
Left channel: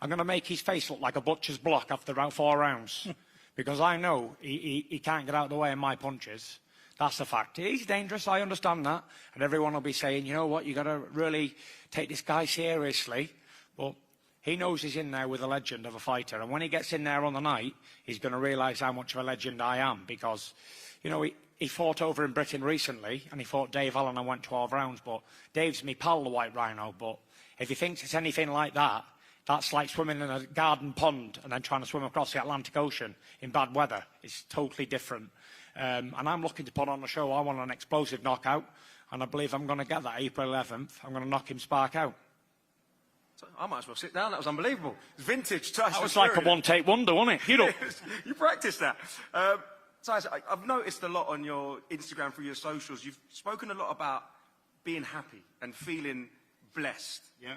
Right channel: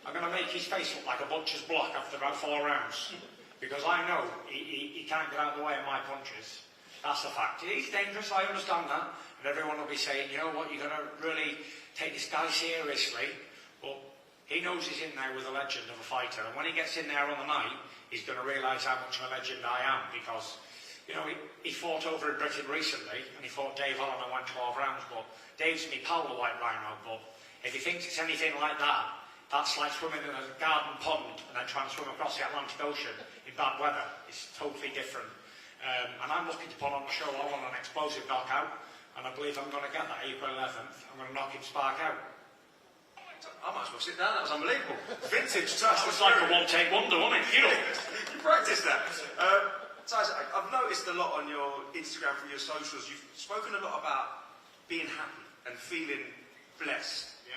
I'm going to make his face look like a butcher's block after about 4 rounds. Because I know he can't get out of the way of my punches. That's a fact. He's dangerous, I understand that. And everyone will be saying, you know what, you've got to really take this guy seriously. But he knows he's in there with a legend of a fighter. And when he gets in there on the night, he's going to realise how much of a legend I am. Because, you know, he fought over in Britain recently, and he fought Dave Allen and went 12 rounds. But Dave's me pal, the White Rhino. But if he thinks it's anything like that, that's like swimming in a garden pond and then trying to swim across the Atlantic Ocean in bad weather. It's totally different. And I'm looking to put on the show. I want an explosive knockout, and I believe I'm going to get that April 11th. I'm going to knock him spark out. I might as well sit down. That was unbelievable. Vintage stuff. It's like a one-take wonder, wasn't it? You practice that. Tyson, I've noticed a lot on your Instagram, through your socials. You've spoken a lot about being happy and feeling blessed. Yeah.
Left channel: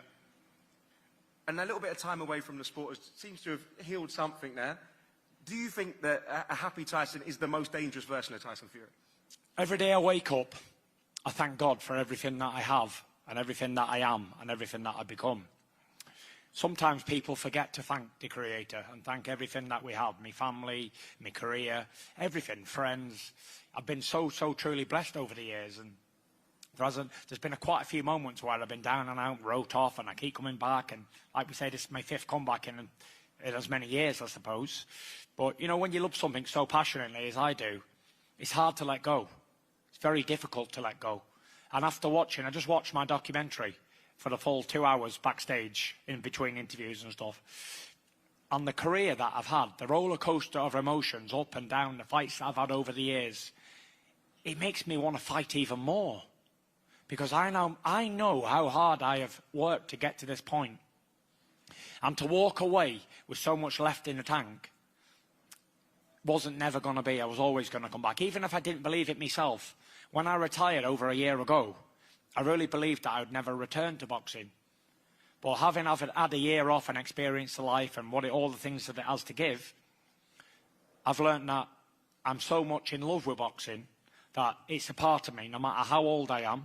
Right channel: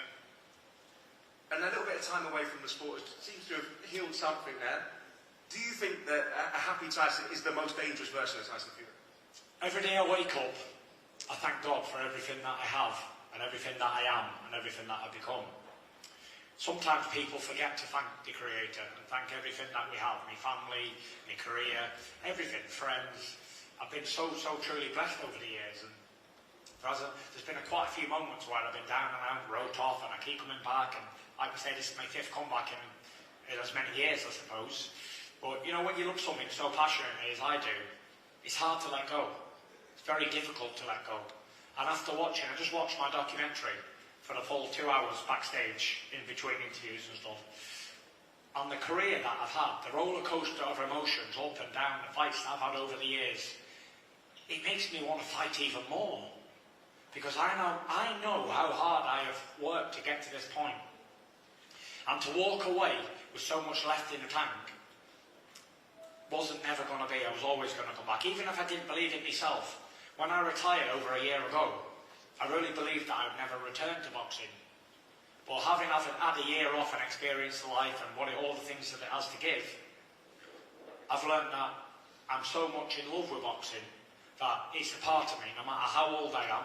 And a little bit of time away from the sport seems to have healed something there. Do you think that a happy Tyson is the most dangerous version of Tyson Fury? Every day I wake up, I thank God for everything that I have, and everything that I am, and everything that I've become. Sometimes people forget to thank the Creator and thank everything that we have, my family, my career, everything, friends. I've been so truly blessed over the years, and there's been quite a few moments where I've been down and out, wrote off, and I keep coming back, and like we say, this is my 5th comeback in as many years, I suppose. But, you know, when you love something so passionately as I do, it's hard to let go. It's very difficult to let go. And after watching, I just watched my documentary for the full 2 hours backstage in between interviews and stuff. And the career that I've had, the roller coaster of emotions, up and down, the fights that I've had over the years, it makes me want to fight even more. Because I know how hard I have worked to get to this point. And to walk away with so much left in the tank wasn't never going to be. I was always going to come back. Even if I didn't believe it myself. When I retired over a year ago, I really believed that I would never return to boxing. But having had a year off and experienced life and all the things that it has to give, I've learned that I'm so much in love with boxing that it's a part of me, no matter how old I am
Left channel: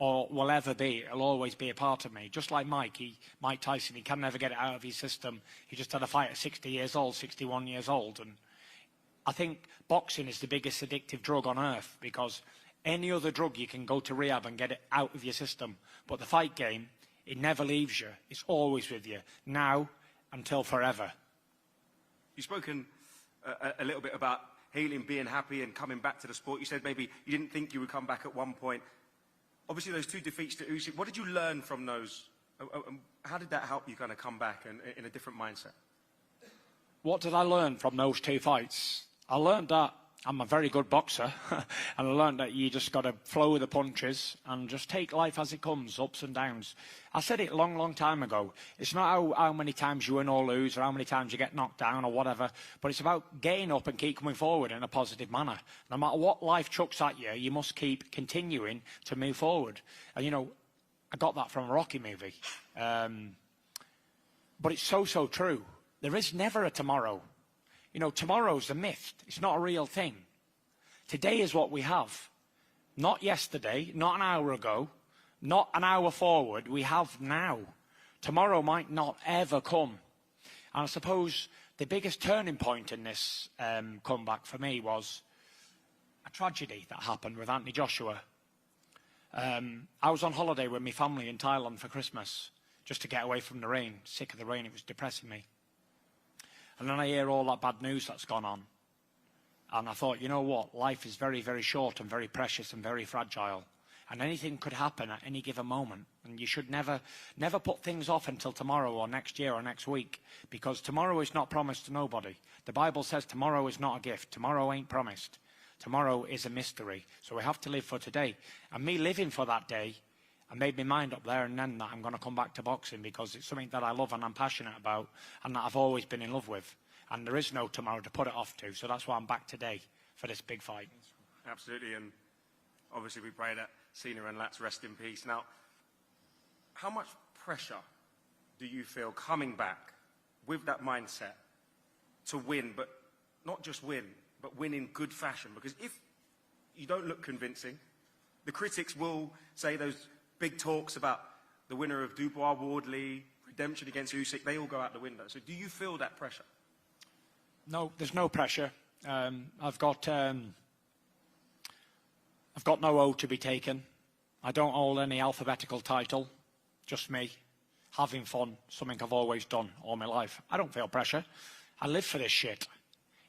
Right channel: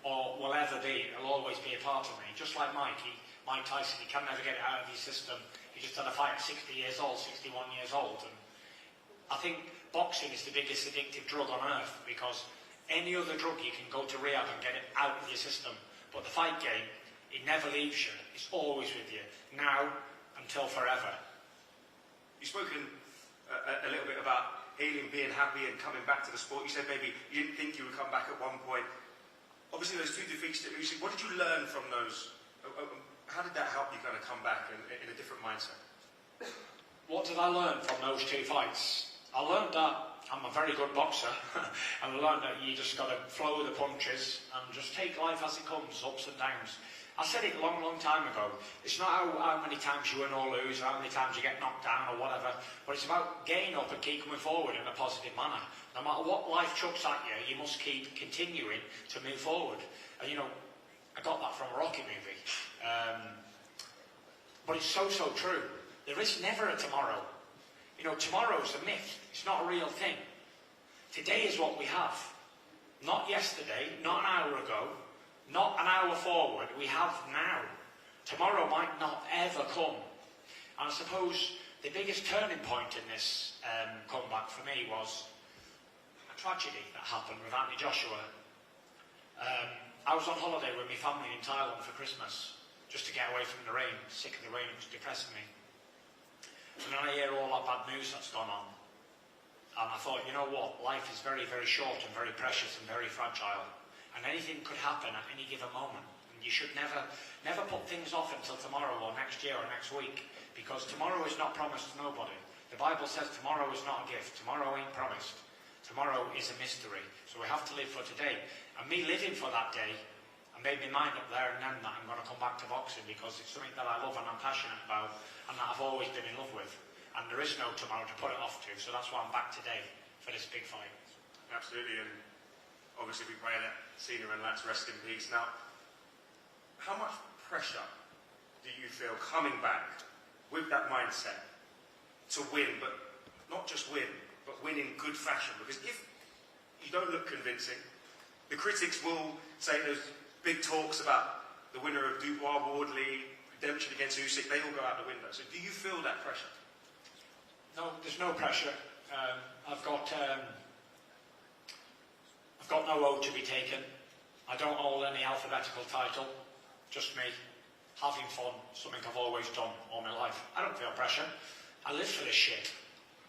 or will ever be, it'll always be a part of me. Just like Mike Tyson, he can never get it out of his system. He just had a fight at 60 years old, 61 years old. And I think boxing is the biggest addictive drug on earth, because any other drug you can go to rehab and get it out of your system. But the fight game, it never leaves you. It's always with you, now until forever. You've spoken a little bit about healing, being happy and coming back to the sport. You said maybe you didn't think you would come back at one point. Obviously those 2 defeats to Usyk, what did you learn from those? How did that help you kind of come back in a different mindset? What did I learn from those 2 fights? I learned that I'm a very good boxer, and I learned that you just got to flow with the punches and just take life as it comes, ups and downs. I said it a long, long time ago. It's not how many times you win or lose, or how many times you get knocked down or whatever, but it's about getting up and keep coming forward in a positive manner. No matter what life chucks at you, you must keep continuing to move forward. And you know, I got that from a Rocky movie. But it's so, so true. There is never a tomorrow. You know, tomorrow's a myth. It's not a real thing. Today is what we have. Not yesterday, not an hour ago, not an hour forward. We have now. Tomorrow might not ever come. And I suppose the biggest turning point in this comeback for me was a tragedy that happened with Anthony Joshua. I was on holiday with my family in Thailand for Christmas, just to get away from the rain. Sick of the rain, it was depressing me. And then I hear all that bad news that's gone on. And I thought, you know what, life is very, very short and very precious and very fragile. And anything could happen at any given moment. And you should never put things off until tomorrow or next year or next week. Because tomorrow is not promised to nobody. The Bible says tomorrow is not a gift. Tomorrow ain't promised. Tomorrow is a mystery. So we have to live for today. And me living for that day, I made my mind up there and then that I'm going to come back to boxing because it's something that I love and I'm passionate about and that I've always been in love with. And there is no tomorrow to put it off to, so that's why I'm back today for this big fight. Absolutely, and obviously we pray that Cena and Lats rest in peace. Now, how much pressure do you feel coming back with that mindset to win, but not just win, but win in good fashion? Because if you don't look convincing, the critics will say those big talks about the winner of Dubois, Wardley, redemption against Usyk, they will go out the window. So do you feel that pressure? No, there's no pressure. I've got no oath to be taken. I don't hold any alphabetical title. Just me, having fun, something I've always done all my life. I don't feel pressure. I live for this shit.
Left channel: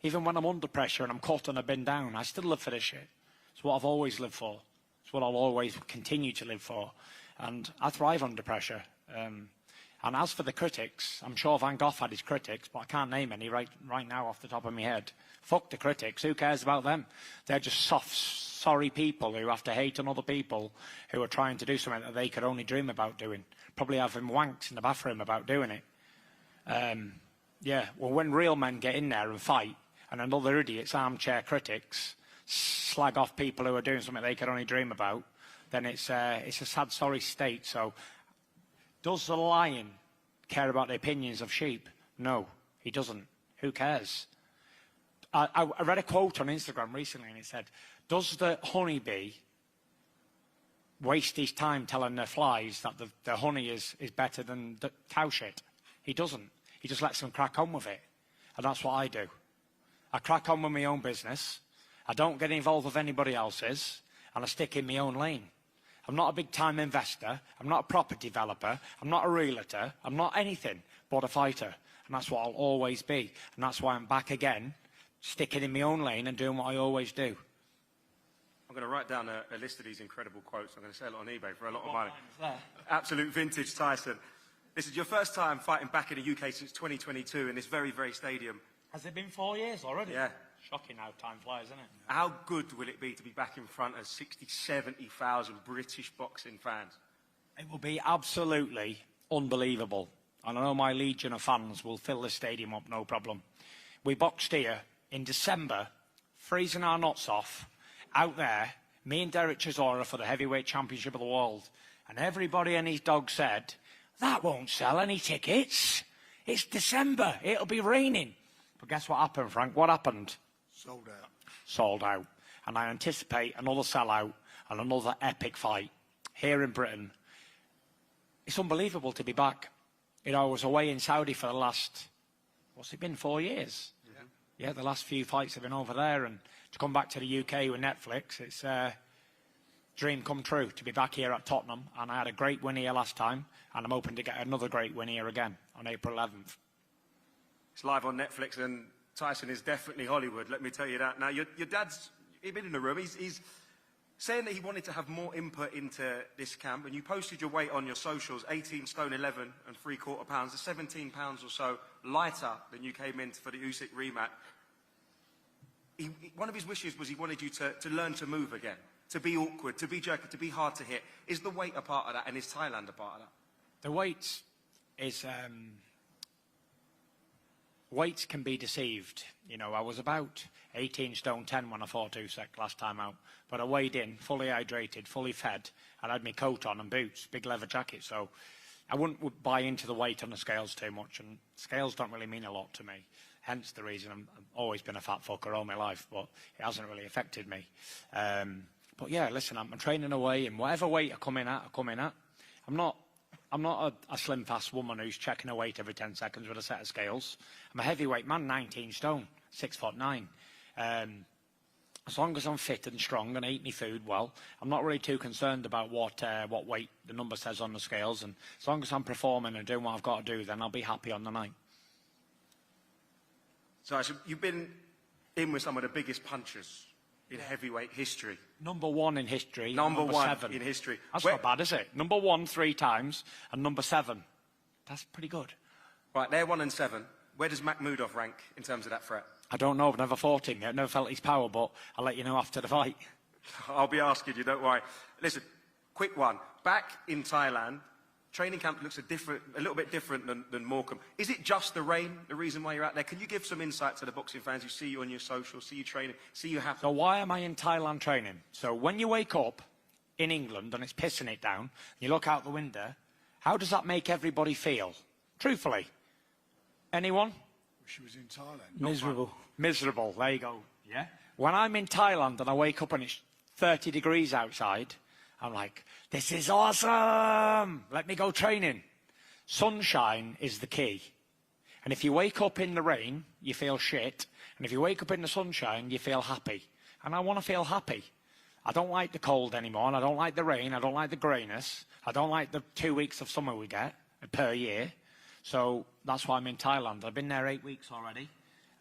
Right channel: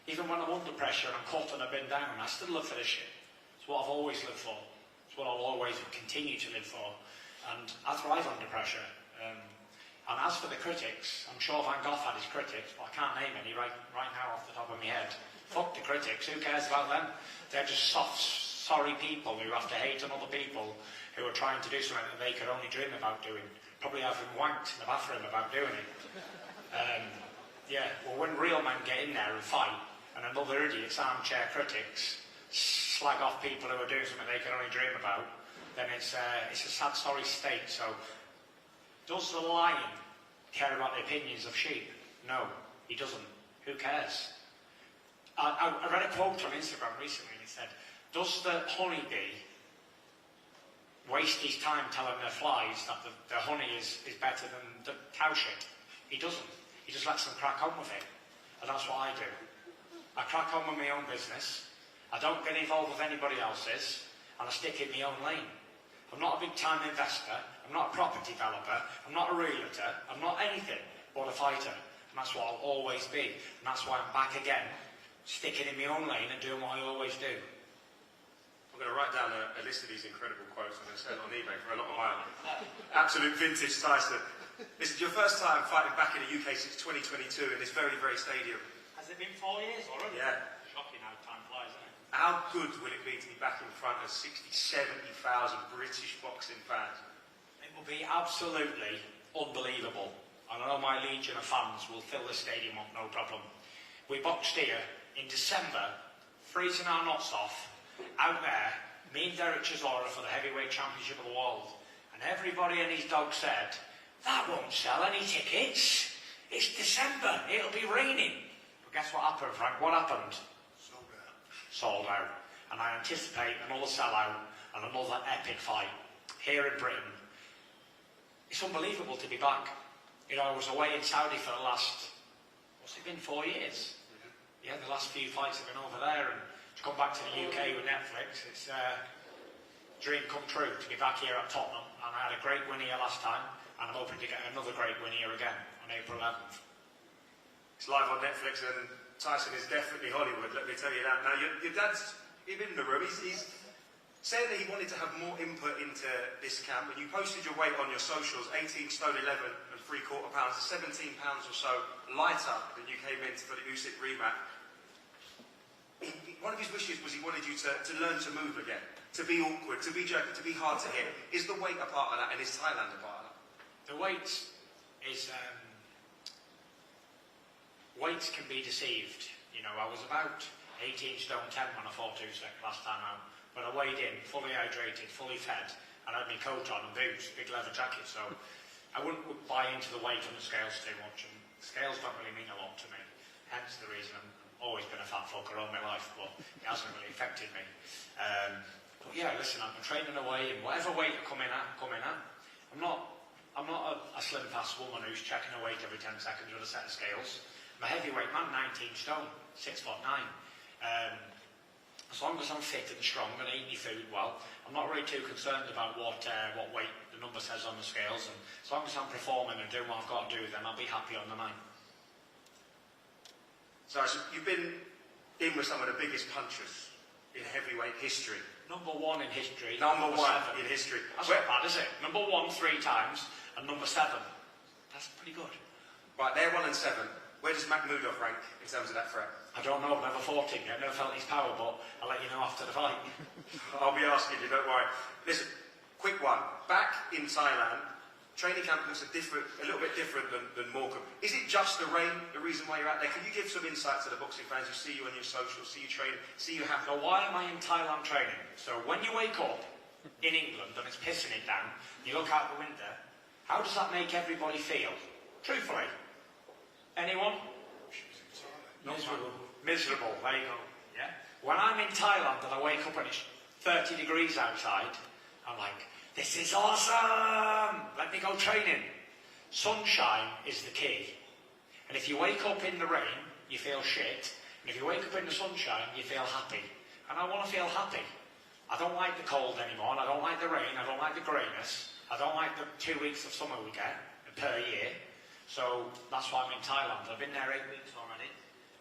Even when I'm under pressure and I'm cut and I've been down, I still live for this shit. It's what I've always lived for. It's what I'll always continue to live for. And I thrive under pressure. And as for the critics, I'm sure Van Gogh had his critics, but I can't name any right now off the top of my head. Fuck the critics, who cares about them? They're just soft, sorry people who have to hate on other people who are trying to do something that they could only dream about doing. Probably having wanked in the bathroom about doing it. Yeah, well, when real men get in there and fight, and another idiots, armchair critics, slag off people who are doing something they could only dream about, then it's a sad, sorry state. So, does the lion care about the opinions of sheep? No, he doesn't. Who cares? I read a quote on Instagram recently and it said, does the honeybee waste his time telling the flies that the honey is better than the cow shit? He doesn't. He just lets them crack on with it. And that's what I do. I crack on with my own business. I don't get involved with anybody else's. And I stick in my own lane. I'm not a big time investor. I'm not a property developer. I'm not a realtor. I'm not anything but a fighter. And that's what I'll always be. And that's why I'm back again, sticking in my own lane and doing what I always do. I'm going to write down a list of these incredible quotes. I'm going to sell it on eBay for a lot of my absolute vintage Tyson. This is your first time fighting back in the UK since 2022 in this very, very stadium. Has it been 4 years already? Yeah. Shocking how time flies, isn't it? How good would it be to be back in front of 60, 70,000 British boxing fans? It will be absolutely unbelievable. And I know my legion of fans will fill the stadium up, no problem. We boxed here in December, freezing our nuts off, out there, me and Derek Chisora for the heavyweight championship of the world. And everybody and his dog said, that won't sell any tickets. It's December, it'll be raining. But guess what happened, Frank? What happened? Sold out. Sold out. And I anticipate another sellout and another epic fight here in Britain. It's unbelievable to be back. You know, I was away in Saudi for the last, what's it been, 4 years? Yeah, the last few fights have been over there, and to come back to the UK with Netflix, it's a dream come true to be back here at Tottenham. And I had a great win here last time, and I'm hoping to get another great win here again on April 11th. It's live on Netflix, and Tyson is definitely Hollywood, let me tell you that. Now, your dad's in the room. He's saying that he wanted to have more input into this camp, and you posted your weight on your socials, 18 stone 11 and 3/4 pounds, 17 pounds or so lighter than you came in for the Usyk rematch. one of his wishes was he wanted you to learn to move again, to be awkward, to be jerky, to be hard to hit. Is the weight a part of that, and is Thailand a part of that? The weights is weights can be deceived. You know, I was about 18 stone 10 when I fought Usyk last time out, but I weighed in, fully hydrated, fully fed, and I had my coat on and boots, big leather jacket, so I wouldn't buy into the weight on the scales too much, and scales don't really mean a lot to me, hence the reason I've always been a fat fucker all my life, but it hasn't really affected me. But yeah, listen, I'm training away, and whatever weight I come in at, I'm not a slim fast woman who's checking her weight every 10 seconds with a set of scales. I'm a heavyweight man, 19 stone, 6'9". As long as I'm fit and strong and eat my food well, I'm not really too concerned about what weight the number says on the scales, and as long as I'm performing and doing what I've got to do, then I'll be happy on the night. So you've been in with some of the biggest punchers in heavyweight history. Number one in history. Number one 7. in history. That's not bad, is it? Number 1 3 times, and number 7. That's pretty good. Right, they're 1 and 7. Where does Makhmudov rank in terms of that threat? I don't know, I've never fought him yet, never felt his power, but I'll let you know after the fight. I'll be asking you, don't worry. Listen, quick one. Back in Thailand, training camp looks a little bit different than Morecambe. Is it just the rain, the reason why you're out there? Can you give some insight to the boxing fans who see you on your socials, see you train, see you happy? So why am I in Thailand training? So when you wake up in England and it's pissing it down, you look out the window, how does that make everybody feel? Truthfully. Anyone? She was in Thailand. Miserable. Miserable, there you go. Yeah? When I'm in Thailand and I wake up and it's 30 degrees outside, I'm like, this is awesome! Let me go training. Sunshine is the key. And if you wake up in the rain, you feel shit. And if you wake up in the sunshine, you feel happy. And I want to feel happy. I don't like the cold anymore, and I don't like the rain, I don't like the greyness, I don't like the 2 weeks of summer we get per year. So that's why I'm in Thailand. I've been there 8 weeks already,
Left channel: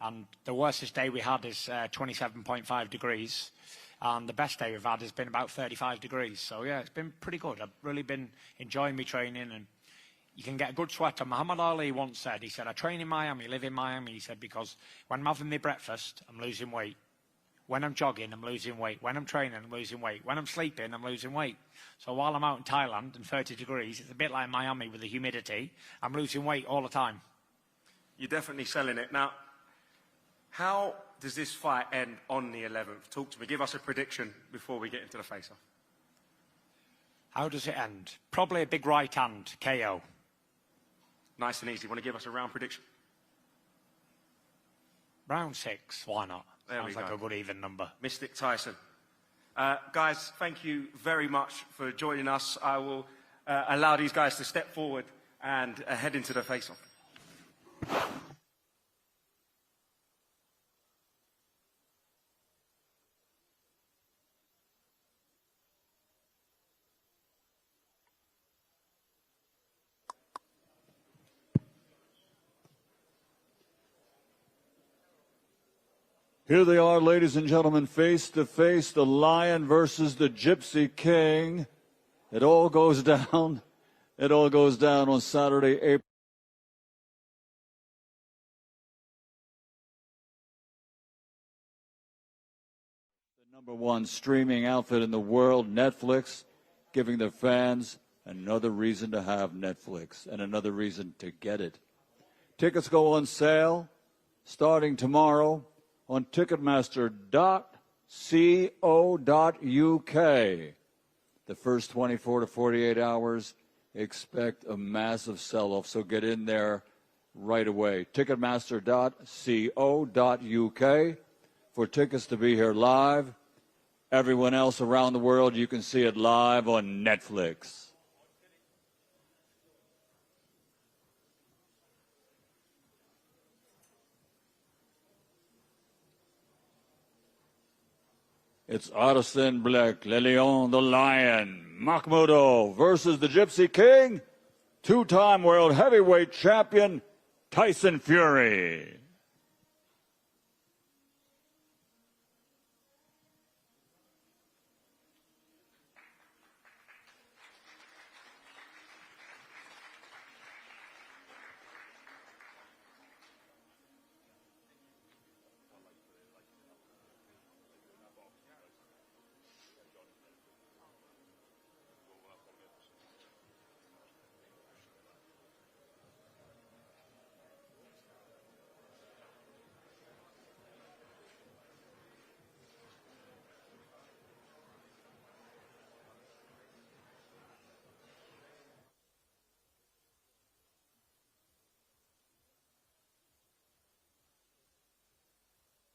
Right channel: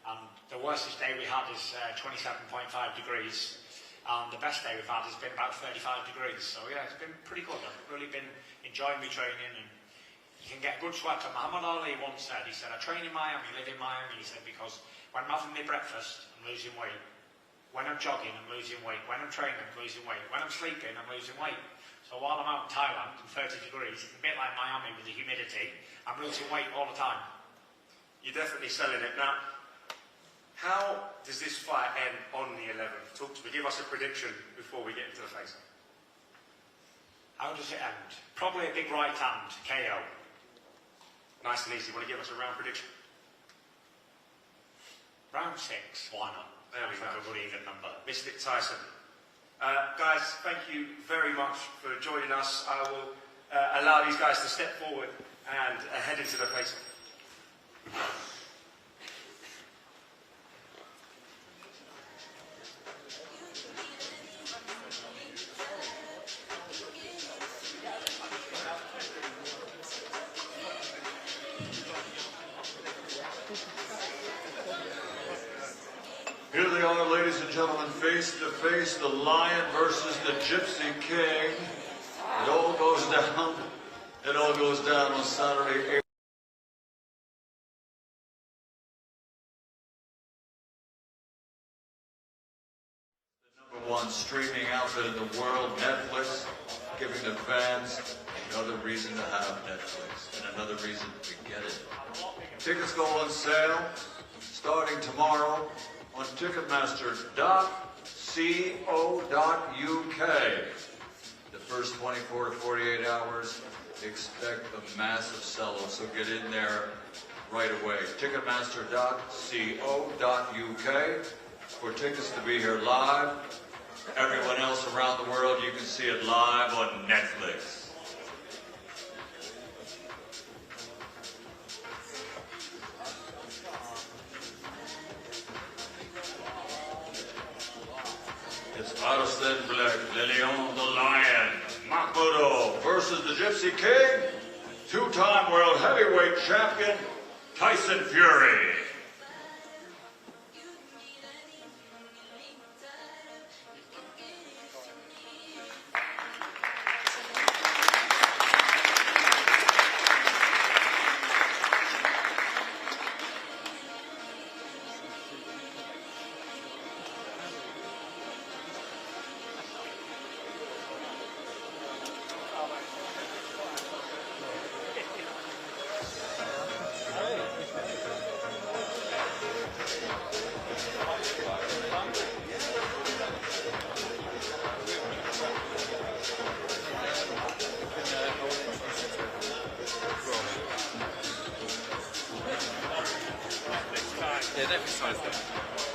and the worstest day we had is 27.5 degrees, and the best day we've had has been about 35 degrees. So yeah, it's been pretty good. I've really been enjoying my training, and you can get a good sweat on. Muhammad Ali once said, he said, I train in Miami, live in Miami, he said, because when I'm having my breakfast, I'm losing weight. When I'm jogging, I'm losing weight. When I'm training, I'm losing weight. When I'm sleeping, I'm losing weight. So while I'm out in Thailand in 30 degrees, it's a bit like Miami with the humidity, I'm losing weight all the time. You're definitely selling it. Now, how does this fight end on the 11th? Talk to me. Give us a prediction before we get into the face-off. How does it end? Probably a big right hand, KO. Nice and easy. Want to give us a round prediction? Round 6, why not? There we Sounds like go. a good even number. Mystic Tyson. Guys, thank you very much for joining us. I will allow these guys to step forward and head into the face-off. Here they are, ladies and gentlemen, face to face, the Lion versus the Gypsy King. It all goes down. It all goes down on Saturday, April. The #1 streaming outfit in the world, Netflix, giving the fans another reason to have Netflix and another reason to get it. Tickets go on sale starting tomorrow on Ticketmaster.co.uk. The first 24 to 48 hours, expect a massive sell-off, so get in there right away. Ticketmaster.co.uk for tickets to be here live. Everyone else around the world, you can see it live on Netflix. It's Arslanbek, Le Lion, the Lion, Makhmudov versus the Gypsy King, two-time world heavyweight champion, Tyson Fury. criticise them.